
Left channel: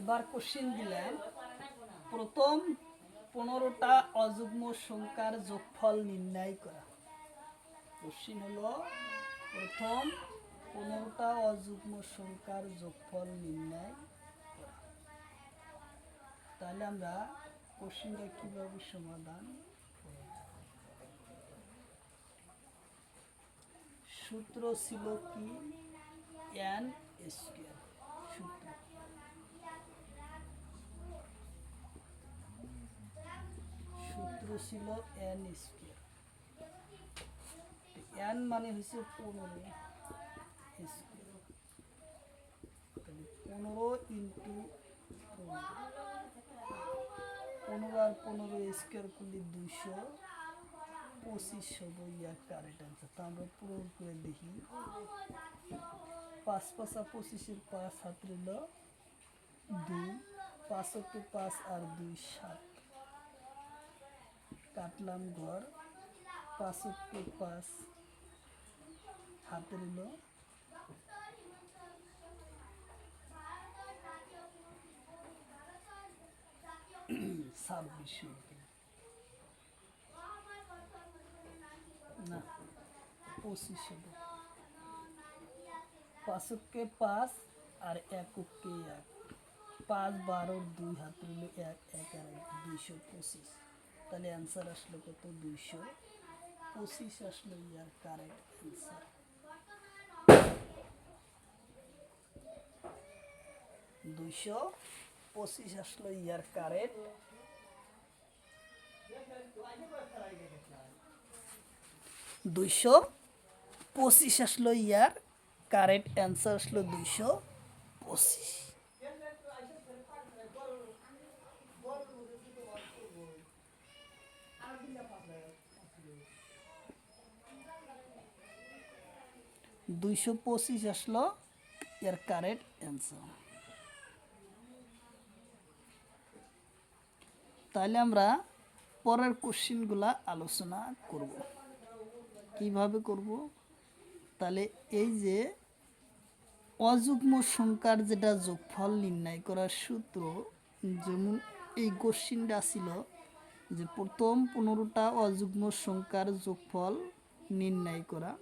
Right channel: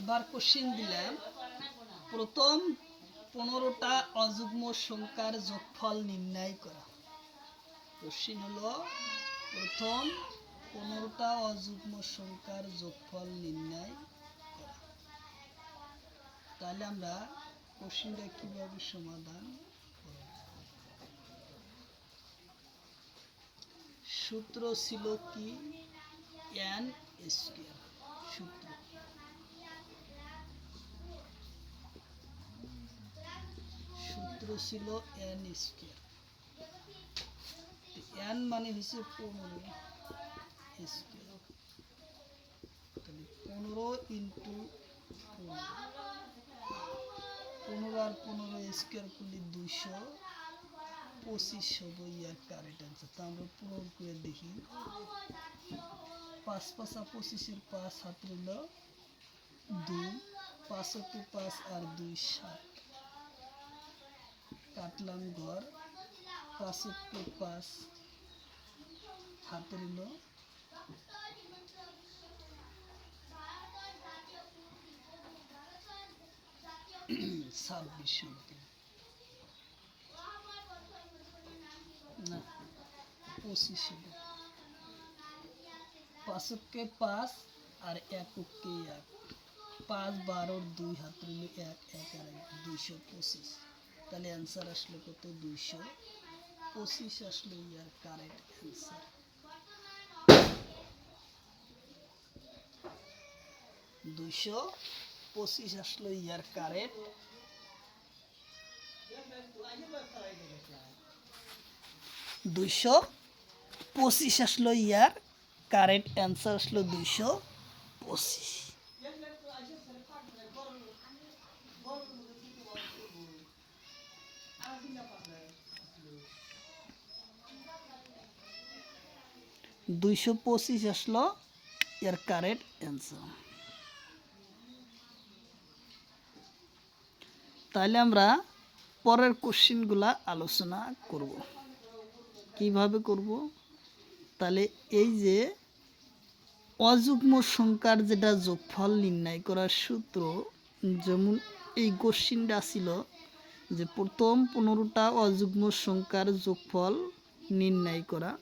এবার কোশ্চেন দিলাম প্রথম 15টা অযুগ্ম সংখ্যার যোগফল নির্ণয় করা। কোশ্চেন হলো প্রথম 15টা অযুগ্ম সংখ্যার যোগফল নির্ণয় করা। তাহলে আমরা কোশ্চেনটা কিভাবে সমাধান করব? সূত্র ছিল কি n স্কয়ার। সূত্র ছিল n স্কয়ার। n মানে হচ্ছে 15 স্কয়ার। তাহলে 15 ইন্টু 15 আর 15 স্কয়ার করলে 225 হবে ইয়ার কারেক্ট অ্যান্সার। তা আমরা প্রয়োগ করে দেখি। 5 5 25 এর 5 হাত রইল 2, 5 × 5 আর 2 7 কাটলাম ঘর 5 × 5 হাতে রইল 26 না 25 হবে। 5 × 5 আর 1 × 1 5 12 2 হাত রইল 1 1 আর 225। তাহলে অ্যান্সার আসলো কত 225 আসলো ইয়ার কারেক্ট অ্যান্সার। 225 আসলো ইয়ার কারেক্ট। 225 আসলো ইয়ার কারেক্ট অ্যান্সার আসলো 225। 225 আসলো এর কারেক্ট অ্যান্সার। তাহলে আমরা পরের কোশ্চেনগুলা আলোচনা করব। কিভাবে করব? তাহলে এই যে অযুগ্ম সংখ্যার যেটা যোগফল নির্ণয় করার সূত্র, যেমন এই কোশ্চেনটা ছিল যে প্রথম 15টা অযুগ্ম সংখ্যার যোগফল নির্ণয় করা।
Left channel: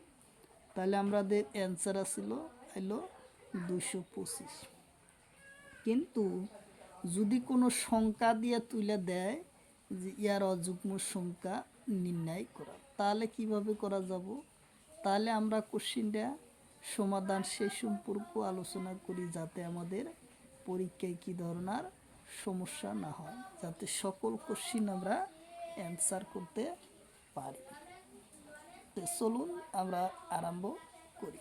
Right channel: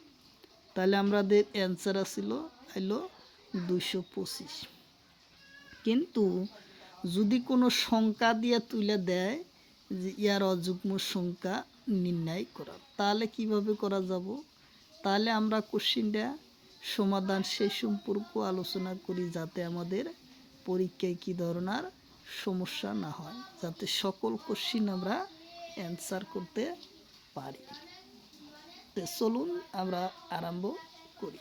তাহলে আমাদের অ্যান্সার আসছিল হলো 225। কিন্তু যদি কোনো সংখ্যা দিয়ে তুলে দেয় যে ইয়ার অযুগ্ম সংখ্যা নির্ণয় করা, তাহলে কিভাবে করা যাব? তাহলে আমরা কোশ্চেনটা সমাধান সেই সম্পর্ক আলোচনা করি, যাতে আমাদের পরীক্ষায় কী ধরনের সমস্যা না হয়, যাতে সকল কোশ্চেন আমরা অ্যান্সার করতে পারি। তো চলুন আমরা আরম্ভ করি।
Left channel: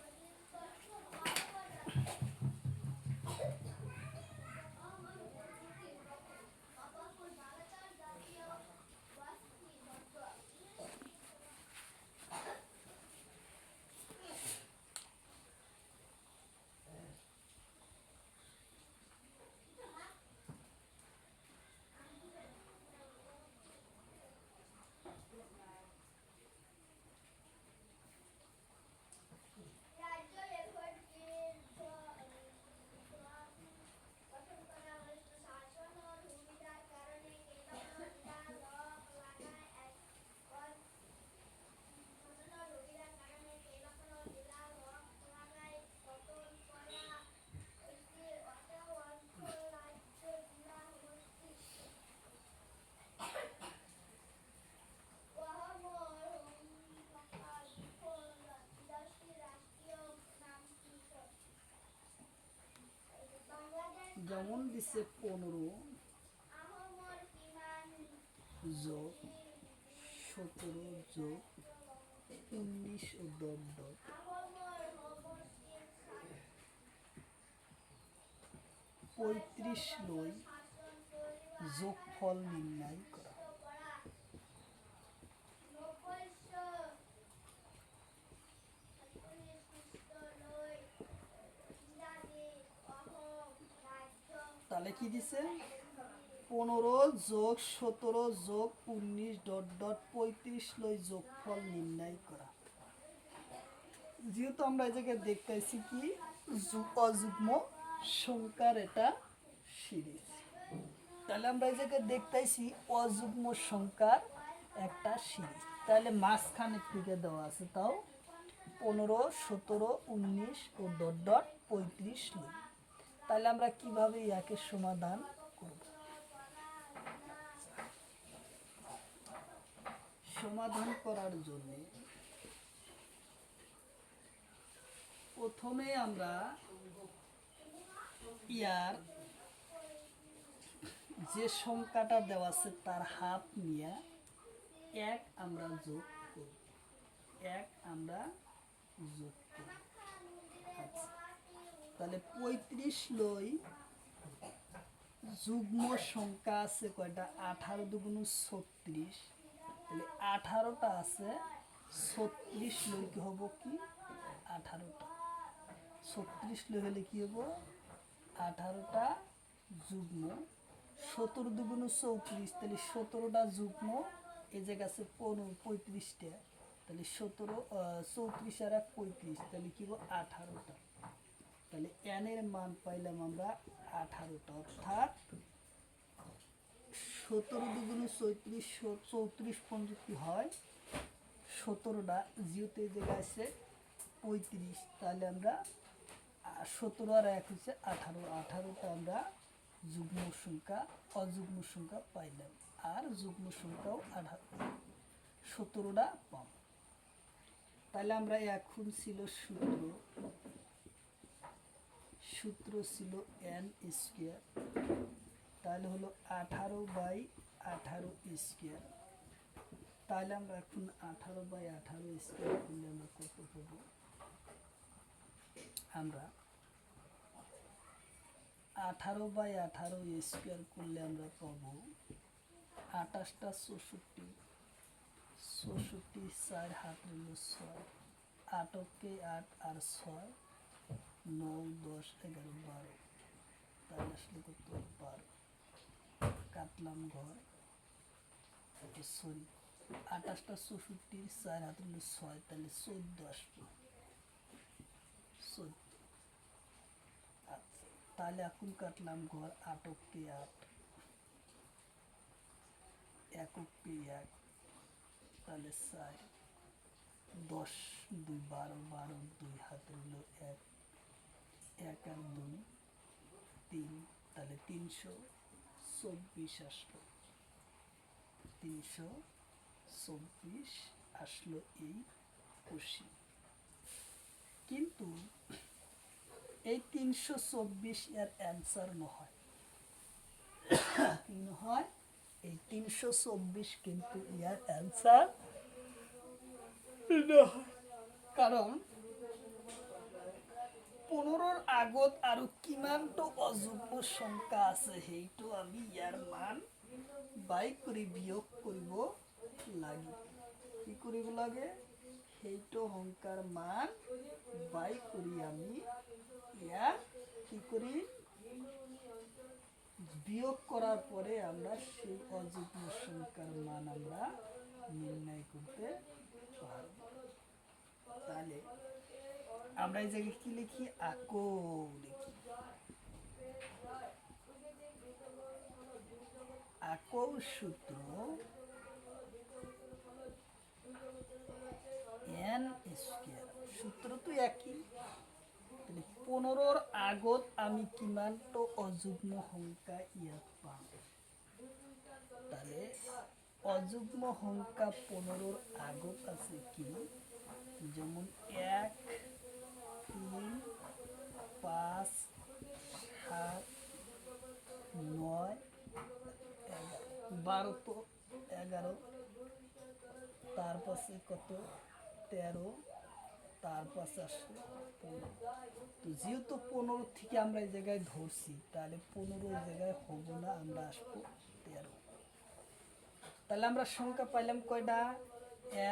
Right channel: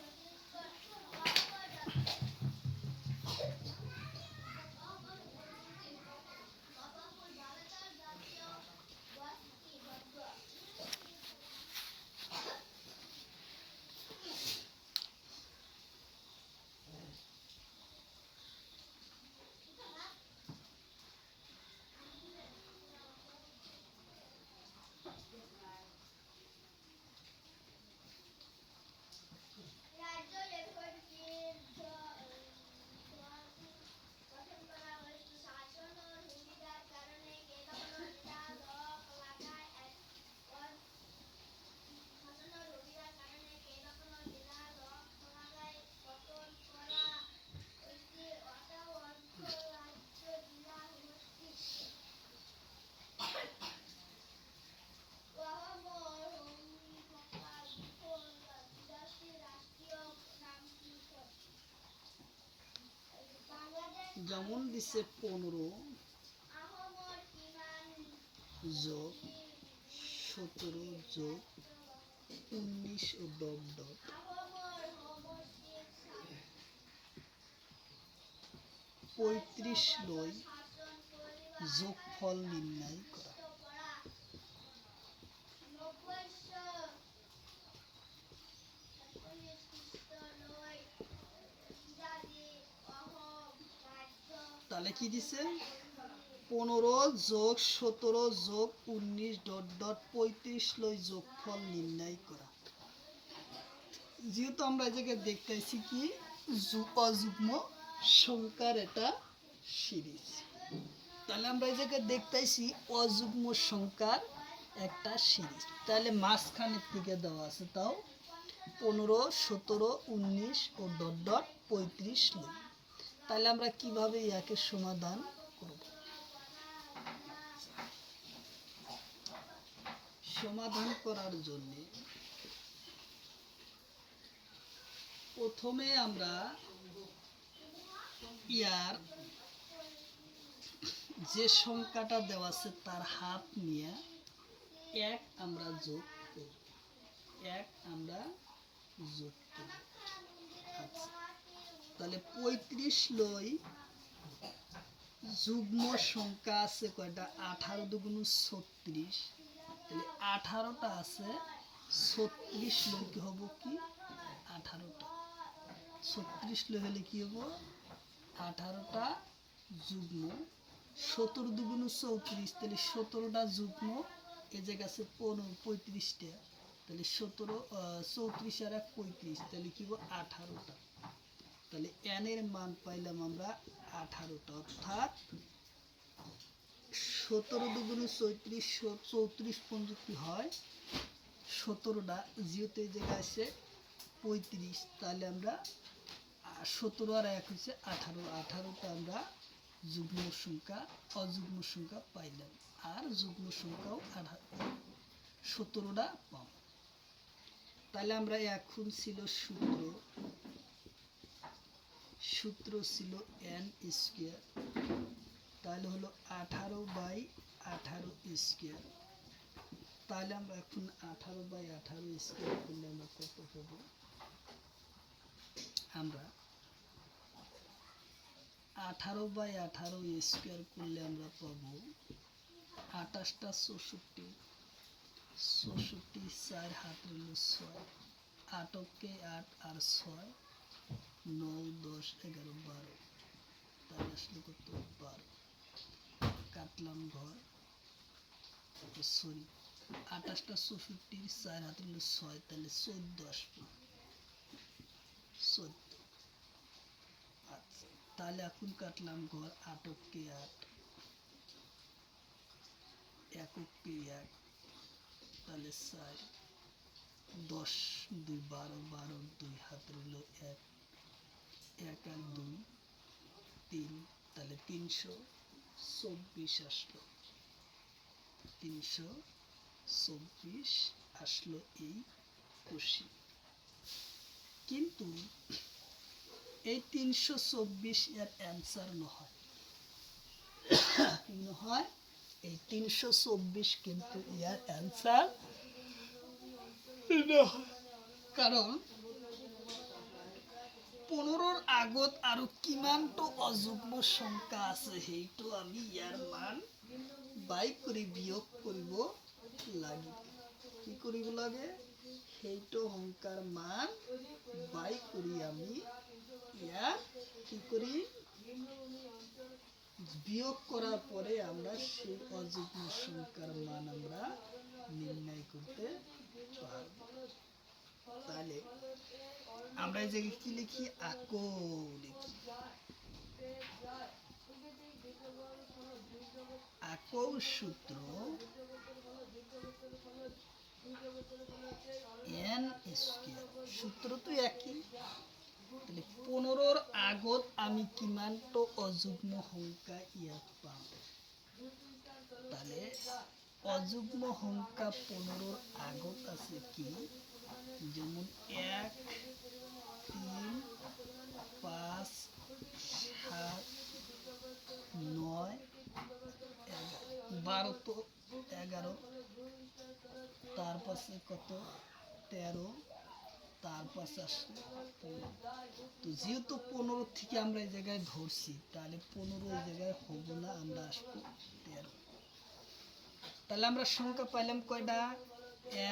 যেমন দিচ্ছে 15 যোগ 17 যোগ 19 ও ডট ডট 35 লই যোগফল নির্ণয় করা। তাহলে কি দিছে? 15 যোগ 17 যোগ 19 ডট ডট 35 লই যোগফল নির্ণয় করা। যেহেতু আমরা এই জায়গায় দেখতেছি কি অযুগ্ম সংখ্যার এটা সিরিজ, তাহলে আমরা এই জায়গায় দেখতেছি অযুগ্ম সংখ্যার একটা সিরিজ। তাহলে মাঝখানের দিকে দেওয়া আছে তাও 15, 17, 19 ও ডট ডট 35 লই। তাহলে আমরা কিভাবে ইয়াকে সমাধান করব? সমাধান করার জন্য প্রথমে আমরা ইয়ার যে সংখ্যাটা দেওয়া আছে তার হাফ নিয়ে এক আমরা যোগ করব, এক আমরা যোগ করব। আচ্ছা, তাহলে 35 লই যুগ্ম সংখ্যা আছে কয়টা? 18 দুগুণ 36। তাহলে 18টা আছে, 36 লই কি হবো কি 18টা। 36 লই হলে কি হবো 18টা যুগ্ম। 17 দুগুণ 34, তাহলে 17টা যুগ্ম। এই জায়গা আছে 35টা, তাহলে 17 34 আর 35, তাহলে কি হবো 18টা। তাহলে এন এর মান পাইলাম আমরা 18টা, অর্থাৎ 17 দুগুণ 34, 34 পঞ্চে কি হয় 17টা, যেহেতু এই জায়গায় আছে 35, তাহলে আমরা 17 আর 1 হচ্ছে 18, 18টা আমরা যুগ্ম সংখ্যা অযুগ্ম সংখ্যা পাইলাম, আর যুগ্ম সংখ্যাও 17টা পাব। তাহলে আমরা এখন ছিল সূত্র ছিল n স্কোয়ার, তাহলে হলো 18/18 স্কোয়ার তাহলে আমরা এখন 18/18 স্কোয়ার করলে আমরা কত পাবো? আমরা 18/18 স্কোয়ার করলে আমরা পাবো 28টা 64, 64 4 হাত রইল 6, 8 8 আর 6 9 10 11 12, তাহলে আসলে কত? 12। কাটলাম ঘর, সরি 28টা 64 4 হাত রইল 6, তাহলে 14 আসবে, 14। আচ্ছা, তাহলে এখন কাটলাম ঘর 8 8, 1 1, তাহলে 4 10 2 12, 12 2 হাত রইল 1, 1 আর 2 3, তাহলে 324 আসলো, 324 আসলো এই কোষী। কিন্তু এই 324 এর অ্যান্সার নহয়, নহয় এই 324 কিন্তু এর অ্যান্সার নয়, কারণ 15র আগত আৰু কিমানটো অযুগ্ম সংখ্যা আছে সেইটো আমি ইয়াৰ মান বাই কৰি বিয়োগ কৰিব লাগিব। কি কৰিব লাগে? সেইটো সংখ্যাৰ মান বাই কৰি আমি ইয়াৰ কি কৰি বিয়োগ করার পরে আমরা সেই অযুগ্ম সংখ্যার মান আমরা নির্ণয় করতে পারব। তাহলে আমরা এই জায়গায় কি লিখি? আকো লিখি। আকো সূত্র n স্কয়ার, সূত্র তো একই। তাহলে 15র আগত আমি কিমানটো অযুগ্ম সংখ্যা ইয়াত পাম? তাহলে অযুগ্ম সংখ্যা 15র আগত আছে কি? যেমন 1 3 5 7 9 11, 12 তো 11, তারপর কত? 13, তারপর আসলে তো যেহেতু 15 থেকে আমরা এই জায়গায় ধরছি, তাহলে 15 এই জায়গায় হবো না, আমরা আসবো 13। তাহলে আমরা সংখ্যা পাইলাম কয়টা?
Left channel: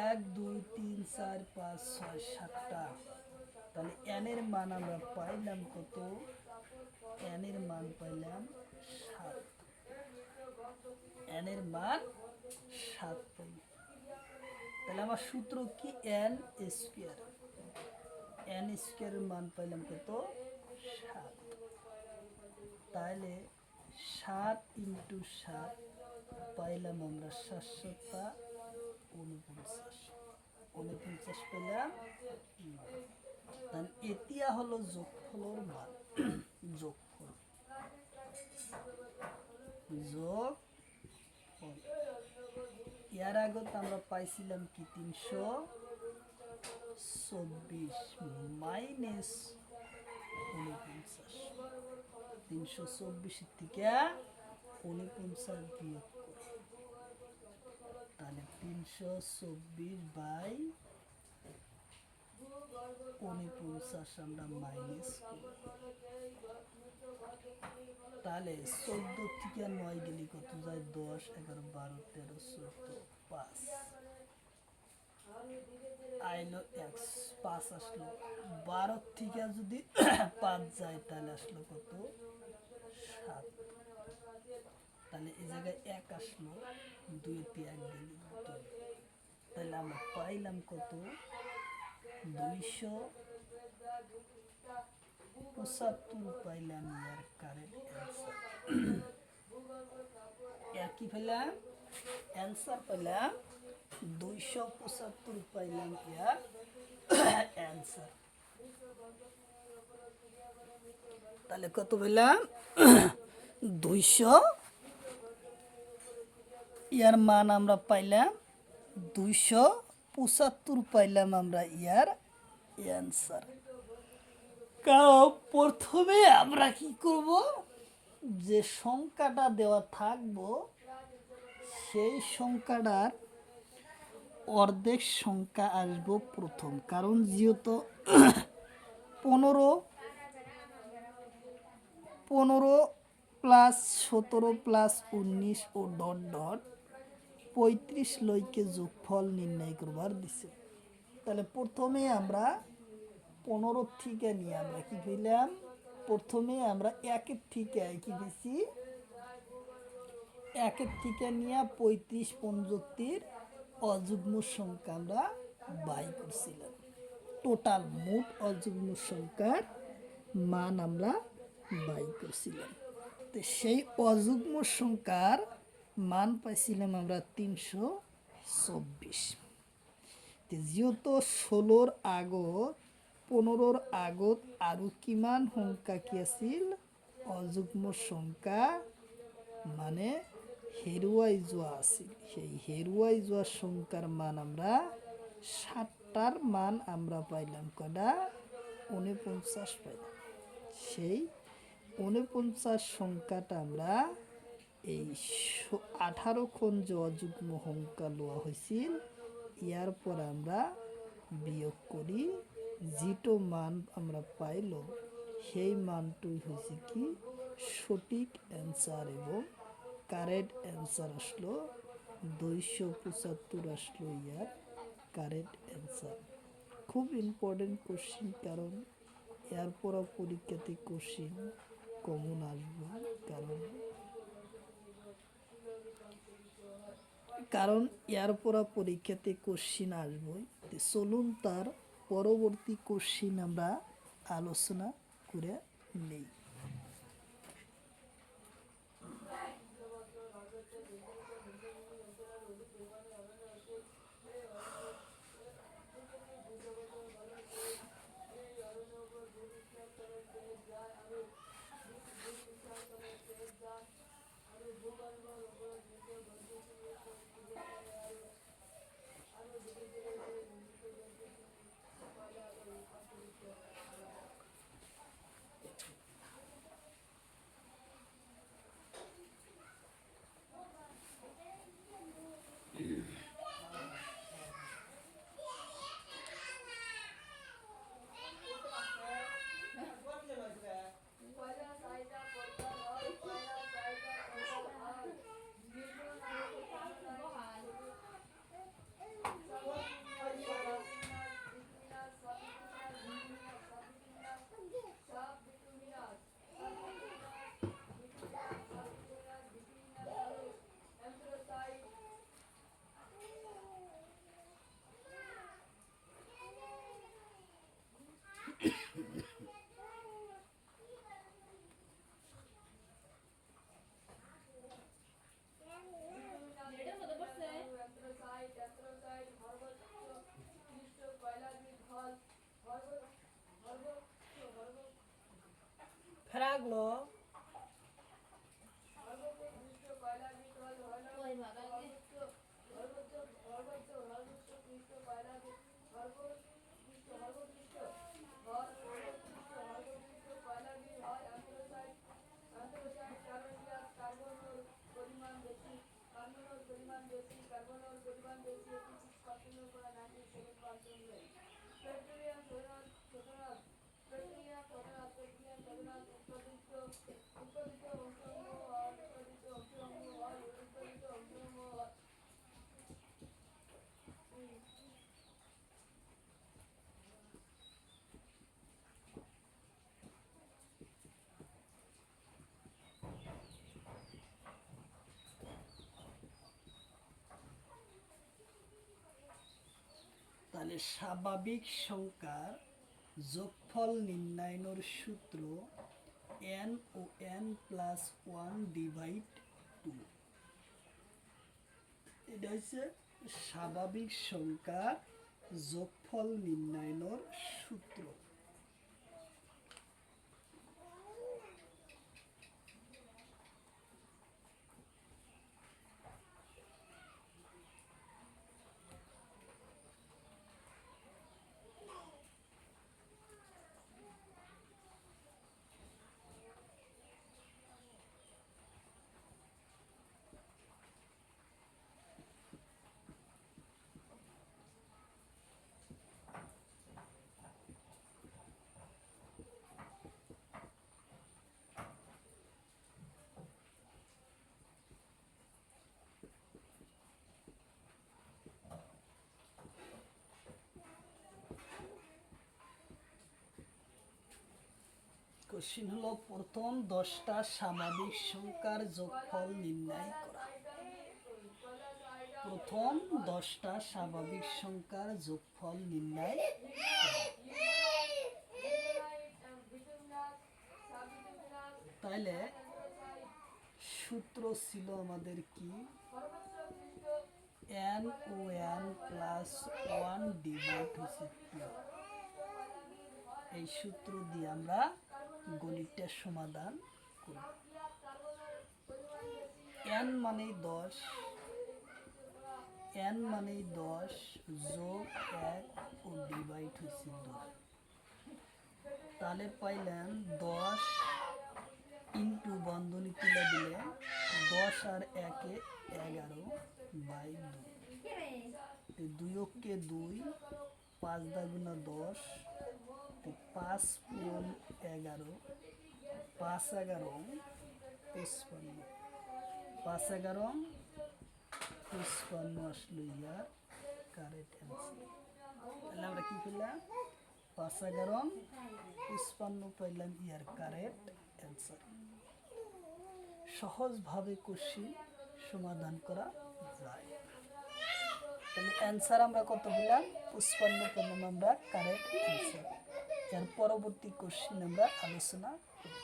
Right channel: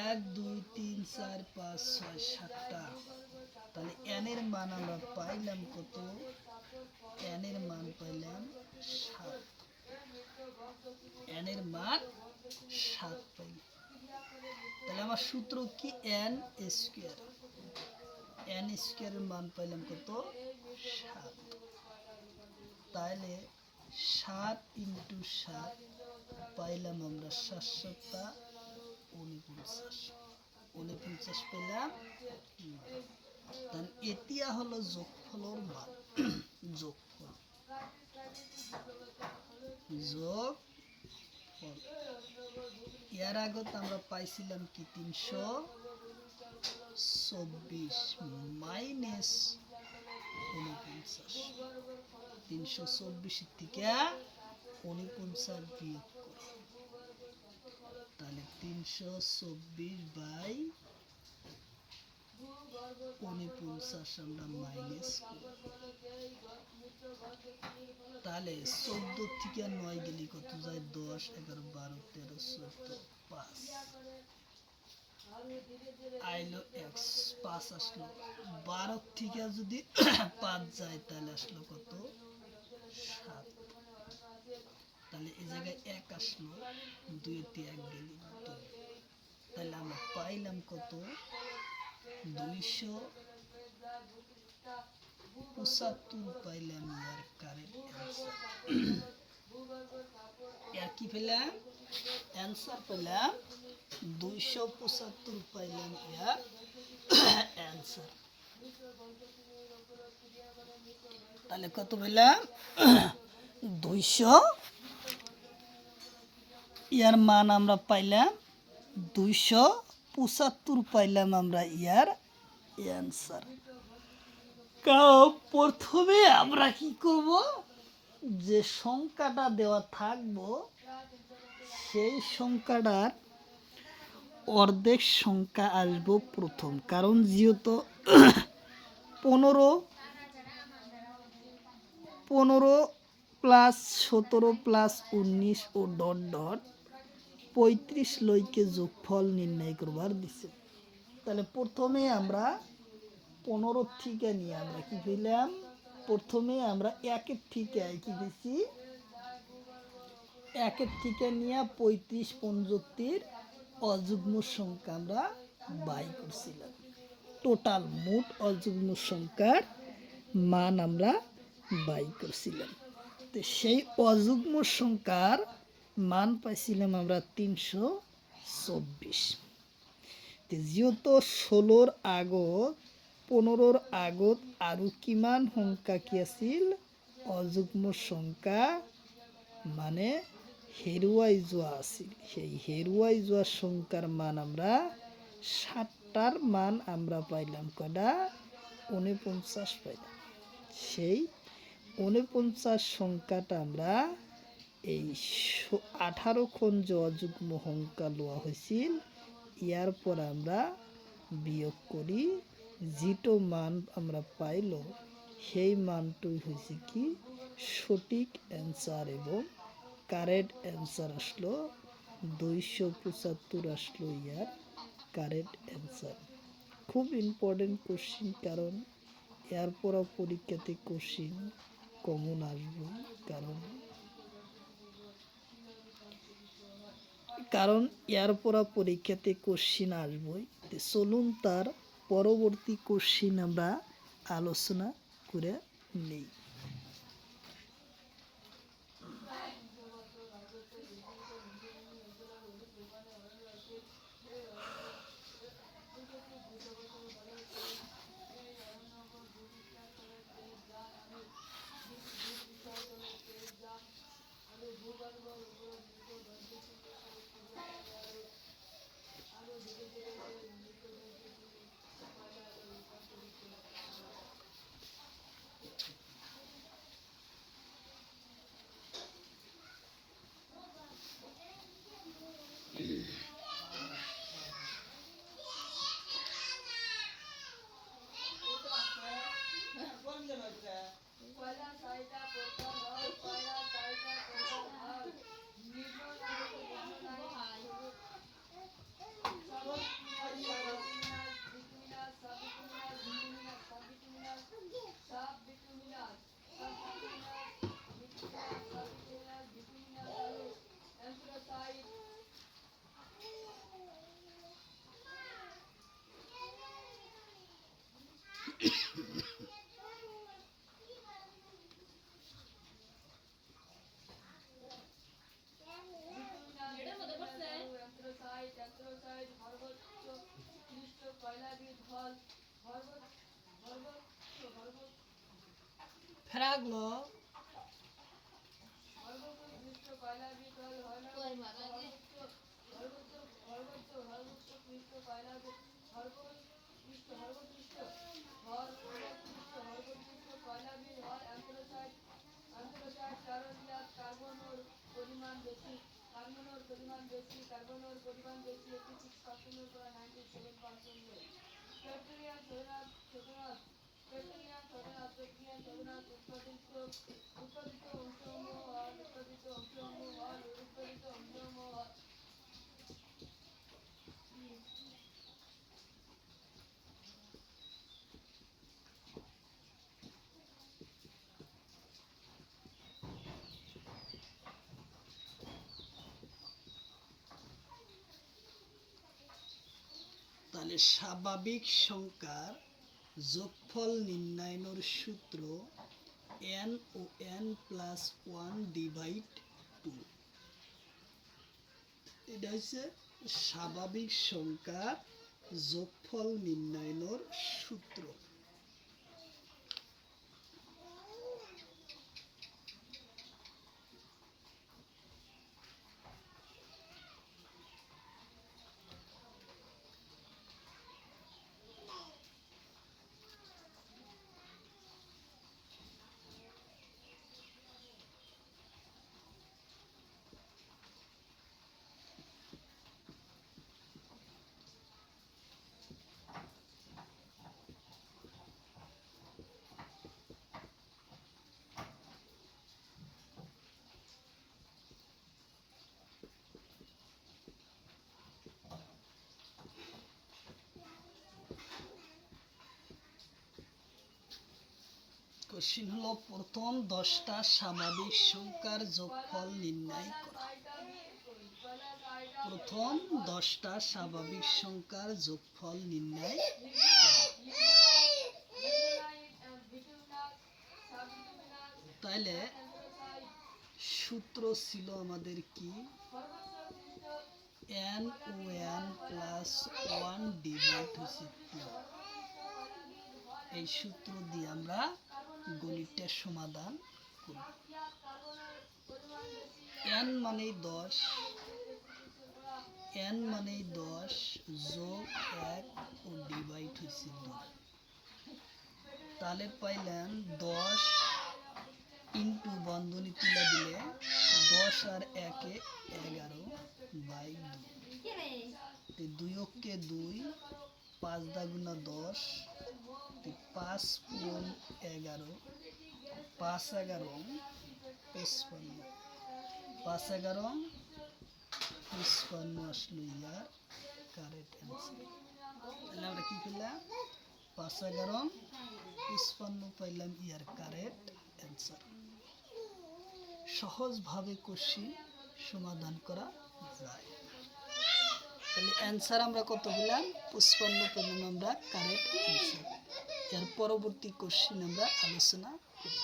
1 2 3 4 5 6 7টা। তাহলে n এর মান আমরা পাইলাম কত? n এর মান পাইলাম 7। n এর মান 7 পাইলাম। তাহলে আমার সূত্র কি? n square. n স্কয়ারের মান পাইলাম কত? 7। তাহলে 7 × 7 পাইলাম আমরা 7 7টা 49, 49 পেলাম। তাহলে এতিয়া হলো যোগফলের মান। যোগফল, যোগফল ইয়ার আগত আমরা পাইছিলাম কি? 324 মাইনাস 49, 324 থেকে 49 বিয়োগ করে, তাহলে 324/49 আমরা মাইনাস করি। তাহলে 14 থেকে 9 গেলে কত যায়? 10 11 12 13 14 5 আইলো 5 আসলো। 12 থেকে যদি 5 যায় তাহলে আসলো কত? 7। তাহলে এই জায়গায় 1 আসলো, 2 তে 1 গেলে 2। তাহলে আমরা পাইলাম কত? 275 পাইলাম ইয়ার কারেক্ট অ্যান্সার। এর কি পেলাম? অ্যান্সার পেলাম 275 পাইলাম ইয়ার অ্যান্সার। তাহলে কত পেলাম? 200, ইয়ার মান আমরা পাইলাম 275 পাইলাম আমরা ইয়ার অ্যান্সার। কারণ প্রথমে আমরা কি করব? যে সংখ্যাটা দেওয়া থাকবো সেই সংখ্যাটার অর্ধেক সংখ্যা আসবো প্রথম, কারণ যেহেতু 15 15 প্লাস 17 প্লাস 19 ও ডট ডট 35 লইকে যোগফল নির্ণয় করবার দিছে। তাহলে প্রথমে আমরা 15 থেকে নিয়ে আমরা কি পেলাম, প্রথমে আমরা একের থেকে কি দিছি, একের থেকে নিয়ে 35 পঞ্চত্তির অযুগ্ম সংখ্যা আমরা বাই করছিলাম। টোটাল মোট অযুগ্ম সংখ্যার মান আমরা বাই করছিলাম। তো সেই অযুগ্ম সংখ্যার মান পাইছিলাম আমরা 324। যেহেতু 16 আগত 15 আগত আৰু কিমান সংখ্যা কি আছিল, অযুগ্ম সংখ্যা মানে হেৰুৱাই যোৱা আছিল। সেই হেৰুৱাই যোৱা সংখ্যার মান আমরা 60টার মান আমরা পাইলাম কটা, 49 পাইলাম। সেই 49 সংখ্যাটা আমরা এই 18খন যে অযুগ্ম সংখ্যা লওয়া হয়েছিল ইয়ার পর আমরা বিয়োগ করি, যেটো মান আমরা পাইল সেই মানটুই হয়েছে কি সঠিক অ্যান্সার, এবং কারেক্ট অ্যান্সার আসলো 275 আসলো ইয়ার কারেক্ট অ্যান্সার। খুব ইম্পর্টেন্ট কোশ্চিন, কারণ এরপর পরীক্ষাতে কোশ্চিন কমন আসবে, কারণ এরপর পরীক্ষাতে কোশ্চিন আসবেই। চলুন তার পরবর্তী কোশ্চিন আমরা আলোচনা করে নিই। ফেরাগলো তাহলে স্বাভাবিক সংখ্যার যোগফল নির্ণয়ের সূত্র n ও n প্লাস 1 ডিভাইড 2। এটা হচ্ছে স্বাভাবিক সংখ্যার যোগফল নির্ণয়ের সূত্র। কোশ্চিন হলো প্রথম 10টা স্বাভাবিক সংখ্যার যোগফল নির্ণয় করা। প্রথম 10টা স্বাভাবিক সংখ্যার যোগফল নির্ণয় করা। তাইলে সূত্র ছিল আমাদের কি, n ও n প্লাস 1 ডিভাইড হয়েছে 2। এই সূত্র দিয়ে আমরা গণিতটার সমাধান করব। n মানেই 10, n মানেই 10 যোগ 1 ও ডিভাইড হয়েছে 2। তাহলে পাইলাম 10 ইন্টু বন্ধনী তুলে দিলে 10 আর 1 এ 11/2। 2 অক্ষে 2, 5 দাগুনা 10, 5 পূরণ 11, 5 11 55, 5 11 55 আসলো ইয়ার কারেক্ট অ্যান্সার। তাহলে আমরা কি পেলাম, 5 11 55 পাইলাম ইয়ার কারেক্ট অ্যান্সার। সহজভাবে কোশ্চিন সমাধান করা যায়। তাহলে অ্যান্সার আমরা কত পেলাম, 55 পেলাম আমরা কারেক্ট অ্যান্সার। এর পরবর্তী কোশ্চিন আমরা আলোচনা করি।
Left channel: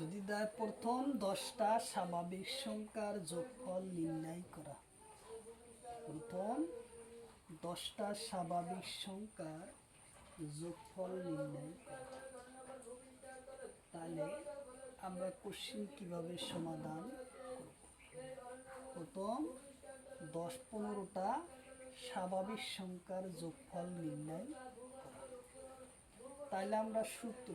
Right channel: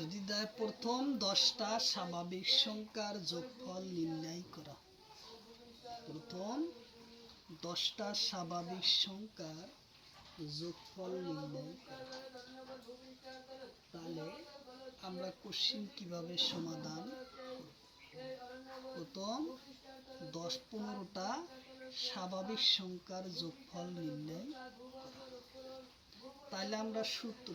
যদি দেয় প্রথম 10টা স্বাভাবিক সংখ্যার যোগফল নির্ণয় করা। প্রথম 10টা স্বাভাবিক সংখ্যার যোগফল নির্ণয় করা। তাহলে আমরা কোশ্চিন কিভাবে সমাধান করব। প্রথম 10-15টা স্বাভাবিক সংখ্যার যোগফল নির্ণয় করা। তাহলে আমরা সূত্র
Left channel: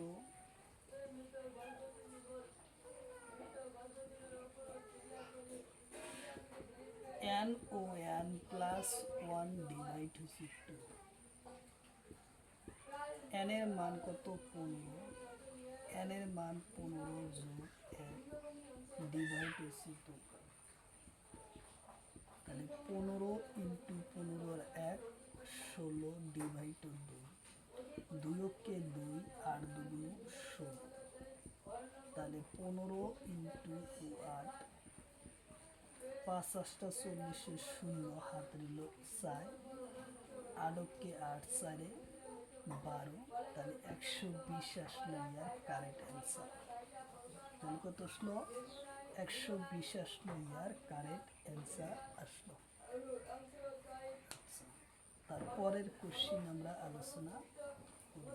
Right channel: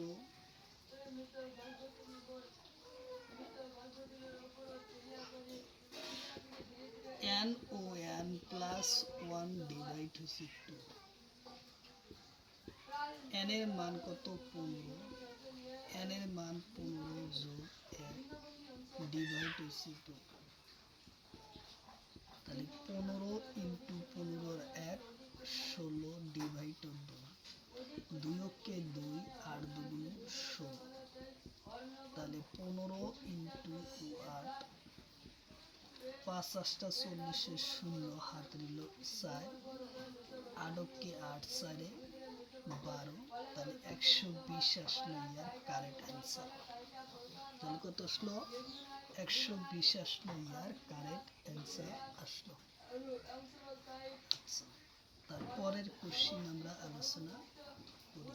n ও n প্লাস 1 ডিভাইড হচ্ছে 2। n এর মান কত, 15। n এর মান 15 যোগ 1 ডিভাইড হচ্ছে 2। তাহলে 15 ইন্টু 15 আর 1 16 ডিভাইড 2। 2 অক্ষে 2, 8 দুগুণ 16। তাহলে 15 ইন্টু 8, 5 8টা 40, 0 হাত রইল 4, 8 অক্ষে 8, 4 12। তাহলে 120 আসলো ইয়ার কারেক্ট অ্যান্সার। তাহলে কত আসলো, 120 আসলো ইয়ার কারেক্ট অ্যান্সার আসলো। তারপরের কোশ্চিন আমরা আলোচনা করি।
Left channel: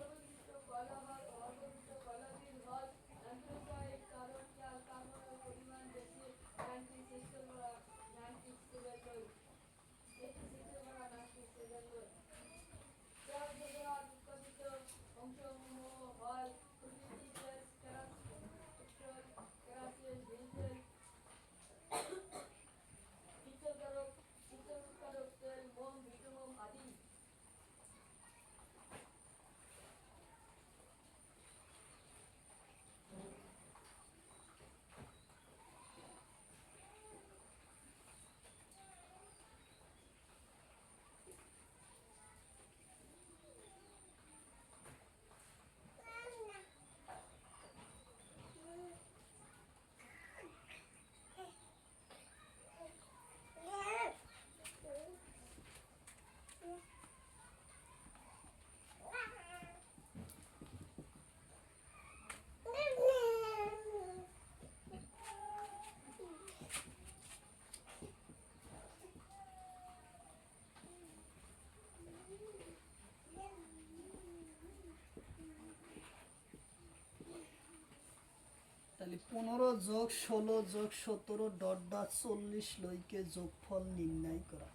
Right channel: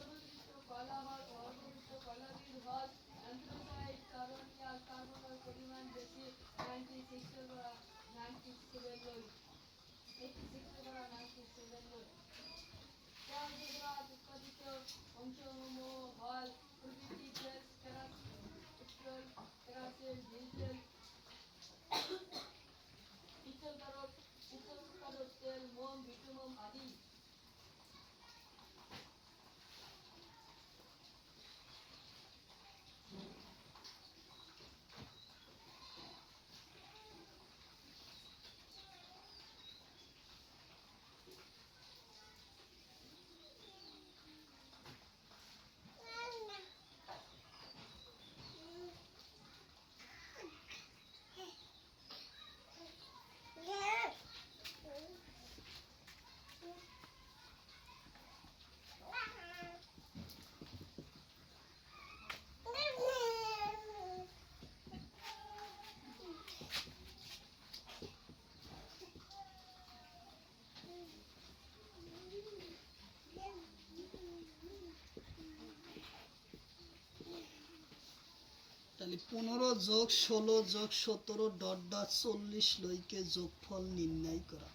তাহলে 15 যোগ 16 যোগ 17 ডট ডট 40 লইকে যোগফল নির্ণয় করা।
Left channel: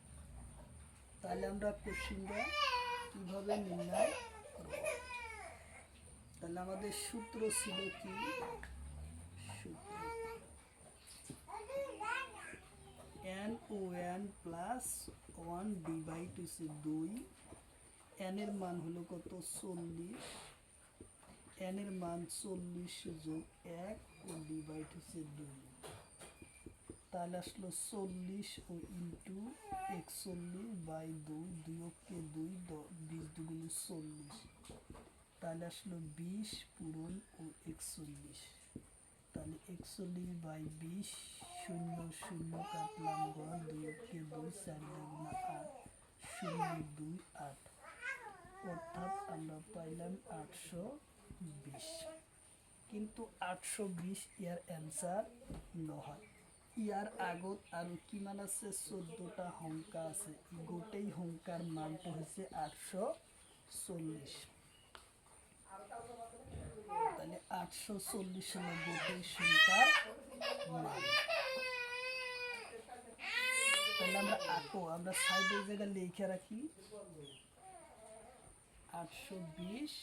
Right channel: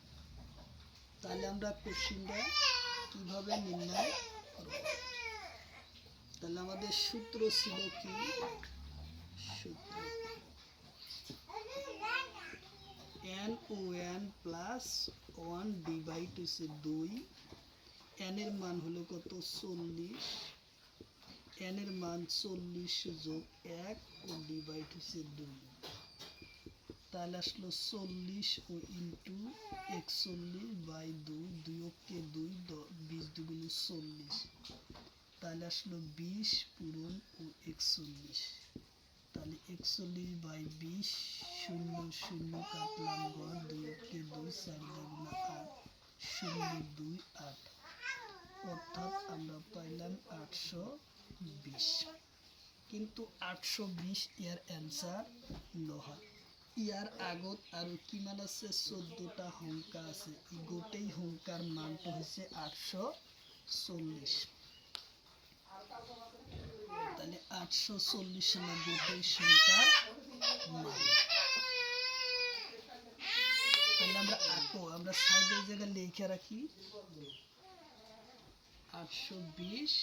তাহলে আমরা কোশ্চিনটা কিভাবে নির্ণয় করব। তাহলে আমাদের সূত্র ছিল কি, সূত্র n ও n প্লাস 1 ডিভাইড হচ্ছে 2, n এর মান হলো কত 40, n এর মান 40 যোগ 1 ও ডিভাইড হচ্ছে 2, তাহলে আসলো 40 ও ইন্টু 41 বাই 2, 2 কে 2, 20 দুগুণে 40, তাহলে আসলো 20 পূরণ ও 41, তাহলে 41 বাই 20, 0 0 কাটলাম ঘর, 2 কে 2, 4 দুগুণে 8, 0 2 8, অর্থাৎ আমরা পাইলাম 820। কিন্তু 820 ইয়ার অ্যান্সার নহয়। ইয়ার আগত আৰু কিমান আছে 14টা সংখ্যা আছে, গোটেই সংখ্যার মানটো হৈছে 840। তাহলে 840 হলো গোটেই সংখ্যার মান। তাহলে আমরা সাইডের জায়গায় লিখে রাখি 820,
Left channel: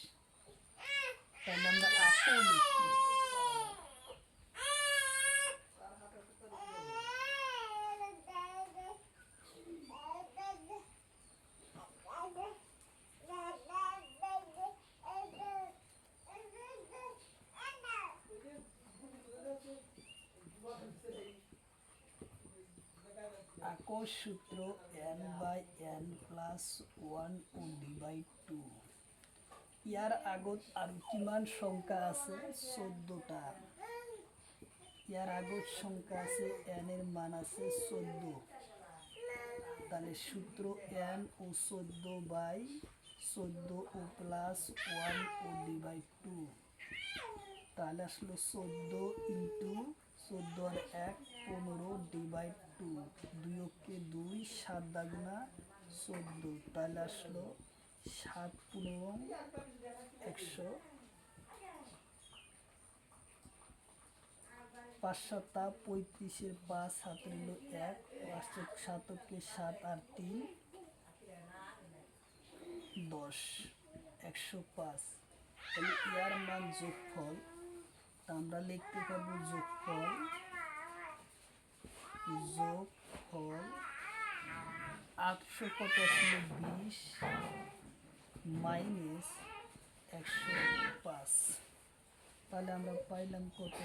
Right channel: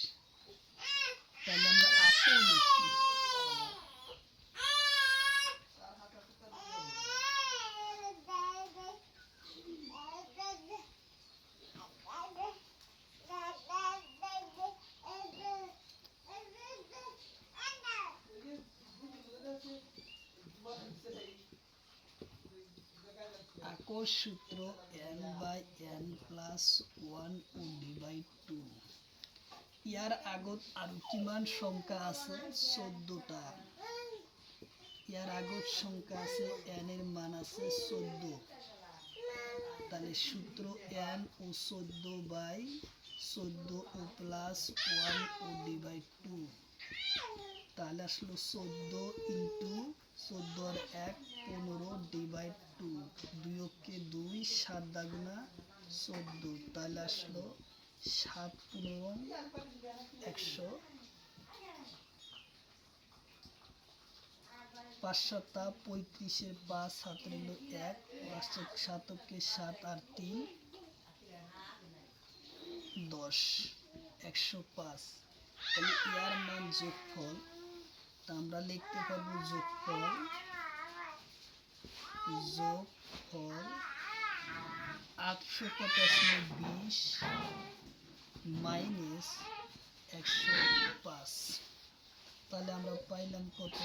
তাহলে আমরা লিখি আকর সূত্র n বাই n প্লাস 1 ও ডিভাইড 2। ইয়ার আগত আৰু কিমান সংখ্যা আছে 14টা। ইয়ার আগত সংখ্যা আছে n এর মান আছে 14, তাহলে সূত্র n ও 14 বাই 14 ও প্লাস 1 ও ডিভাইড 2, তাহলে আসলো 14 ইন্টু 14 আর 1 15 ডিভাইড 2, 2 কে 2, 7 দাগুনা 14, তাহলে আসলো 7 15 100, 5 7 35, 5 হাত রইল 1, 5 7 7 আর 3 10, 105। তাহলে ইয়ার মান যোগফল, তা আমরা লিখতে পারবো যোগফল 800 কত আসলে 20 মাইনাস 105, তাহলে আমরা পাইলাম কত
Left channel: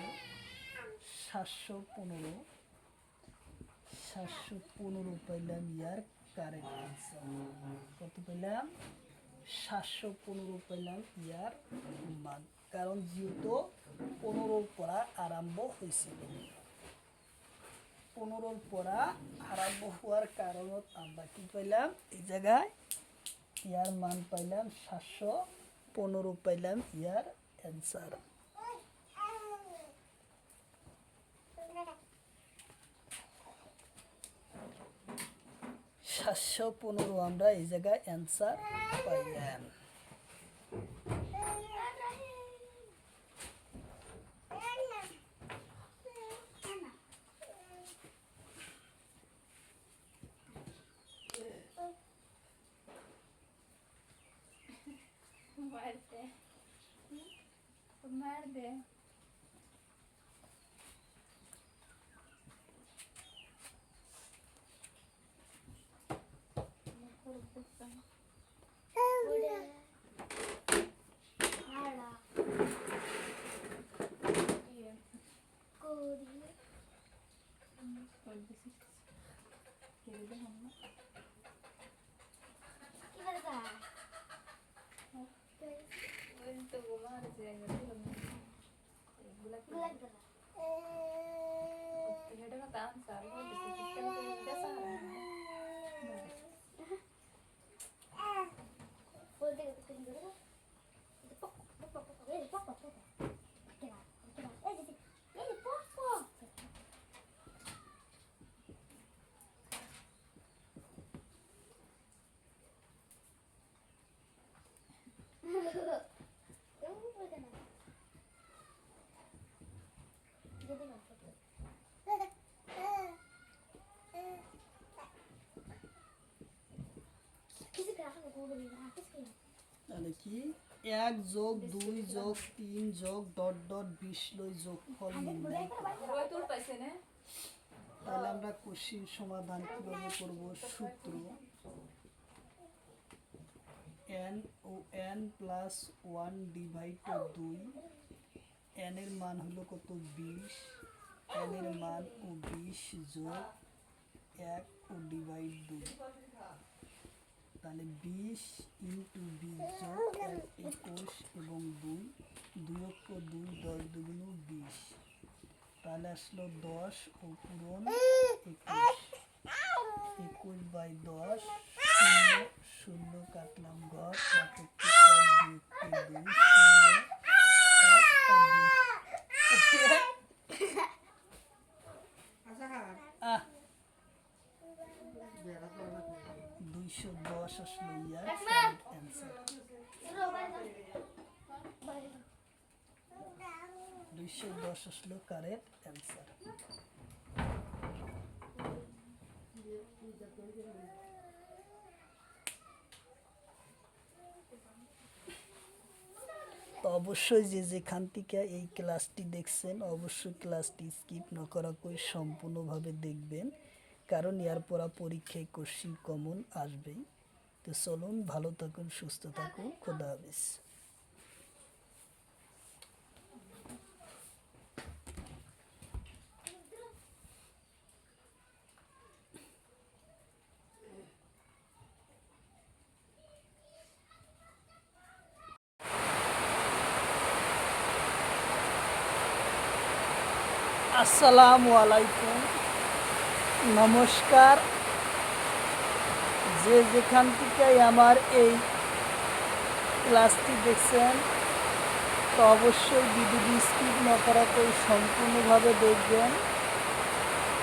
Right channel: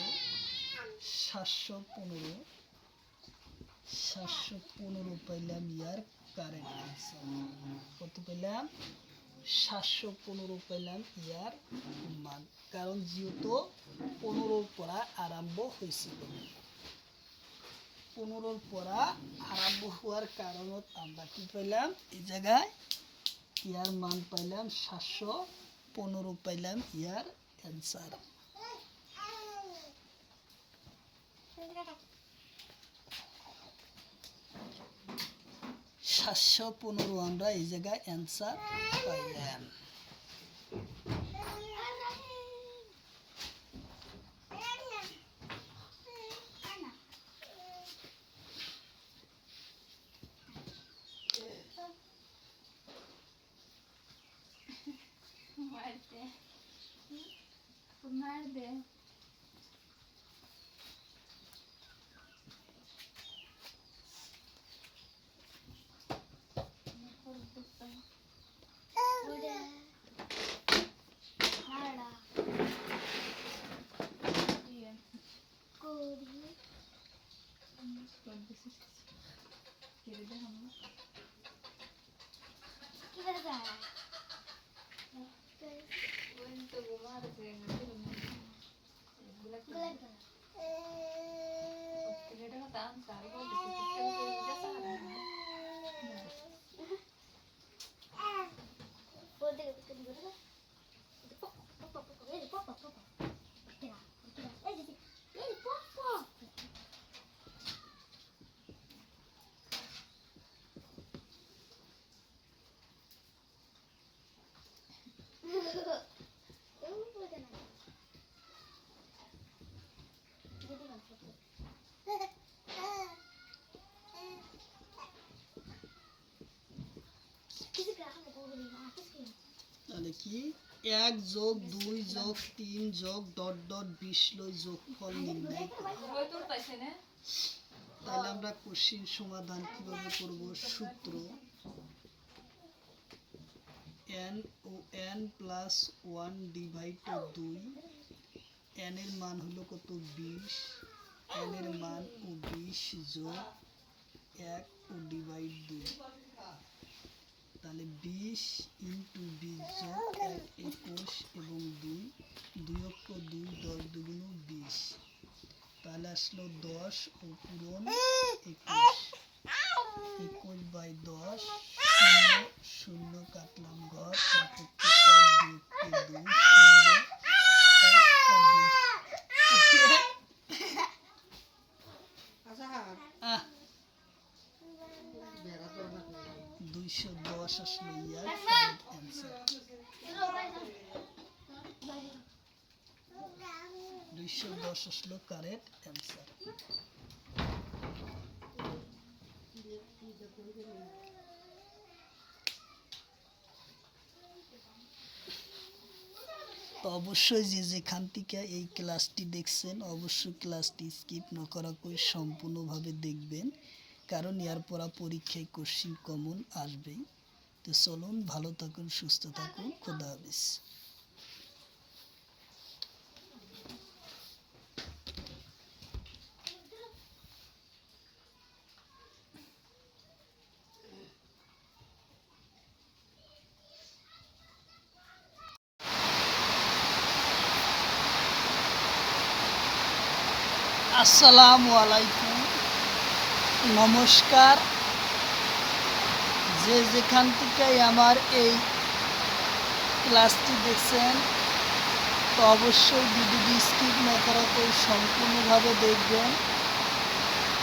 715 পাইলাম ইয়ার কারেক্ট অ্যান্সার। কত পেলাম 715 পেলাম ইয়ার মান, কারণ যেহেতু 15 পড়া আরম্ভ হয়েছিল। 15 পড়া আরম্ভ হওয়ার কারণত আমরা কি পাইলাম এই জায়গায় ইয়ার মান পাইলাম 715 পাইলাম ইয়ার অ্যান্সার। 715 আমরা এই জায়গায় অ্যান্সার পাইলাম। তাহলে কি 1 যোগ 2 যোগ 3 যোগ ... 20 লই যোগফল নির্ণয় করো। তাহলে আমরা কোশ্চেন সমাধান কিভাবে করব? সূত্র n ও n প্লাস 1 ডিভাইডেড 2, n এর মান হলো কত? 20, n এর মান ও 20 যোগ 1 ও ডিভাইড 2, তাহলে 20 ইন্টু 20 যোগ 1 21 এবং 2 2 অক্ষ 2 10 দুগুণ 20, তাহলে আসলো 10 ও পূরণ 21, 21 বাই 10, শূন্য শূন্য কাটলাম ঘর, 1 এককে 1 2 এককে 2 শূন্য 210 আসলো ইয়ার কারেক্ট অ্যান্সার। 210 আসলো কারেক্ট অ্যান্সার। তো অবশ্যই যে যেখান থেকে এই ক্লাসটি দেখছেন অবশ্যই ক্লাসটি স্কিপ না করা করে সম্পূর্ণভাবে দেখবেন, কারণ এর পর পরীক্ষায় কোশ্চিন কমন আসবেই। তো চলুন, ভালো থাকুন, সুস্থ থাকুন, খোদা হাফেজ। আসসালামু আলাইকুম, নমস্কার। যে যেখান থেকে আমার এই ক্লাসটি দেখছেন তো অবশ্যই ভিডিওটি স্কিপ না করা করে সম্পূর্ণভাবে দেখবেন।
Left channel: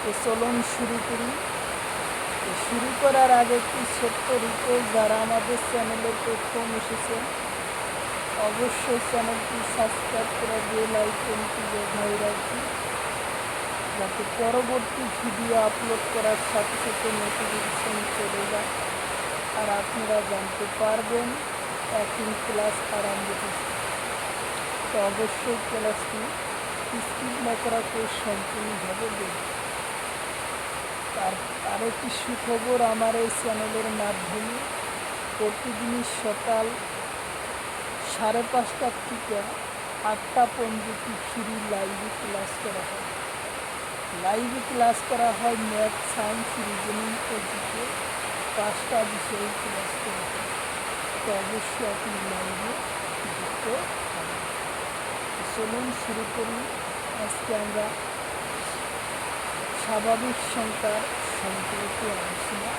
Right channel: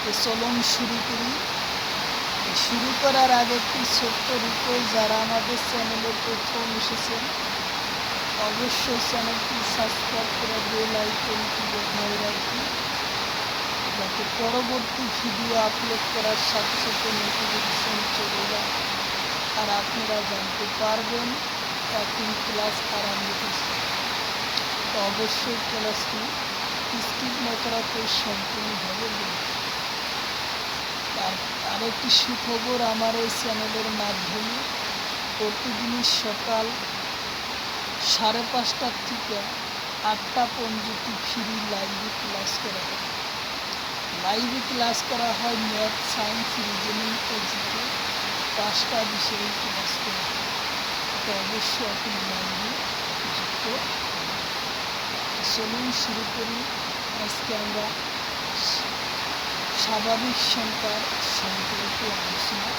তো চলুন শুরু করি। শুরু করার আগে একটি ছোট্ট রিকোয়েস্ট, যারা আমাদের চ্যানেলে প্রথম এসেছেন অবশ্যই চ্যানেলটি সাবস্ক্রাইব করে বেল আইকনটি বাজায় রাখুন, যাতে পরবর্তী ভিডিও আপলোড করার সাথে সাথে নোটিফিকেশন চলে যায় আর আপনারা জানতে পারবেন এখন ক্লাস আরম্ভ হচ্ছে। তো অবশ্যই ক্লাসটি স্কিপ না করা করে সম্পূর্ণভাবে দেখবেন। আর একটি সুখবর, আমার এই চ্যানেলের মাধ্যমে প্রতিদিনই সকাল 5:30 থেকে 8টা পর্যন্ত ফ্রি লাইভে ক্লাস করা হয়। লাইভে ক্লাস করা হয় ম্যাথ, সায়েন্স, রিজনিং ও জিকে 5টা বিষয়ে ক্লাস করা হয়। তো অবশ্যই আপনি লাইভে যুক্ত হবেন। চলুন শুরু করি। আজকে আমরা স্বাভাবিক সংখ্যার সম্পর্কে আলোচনা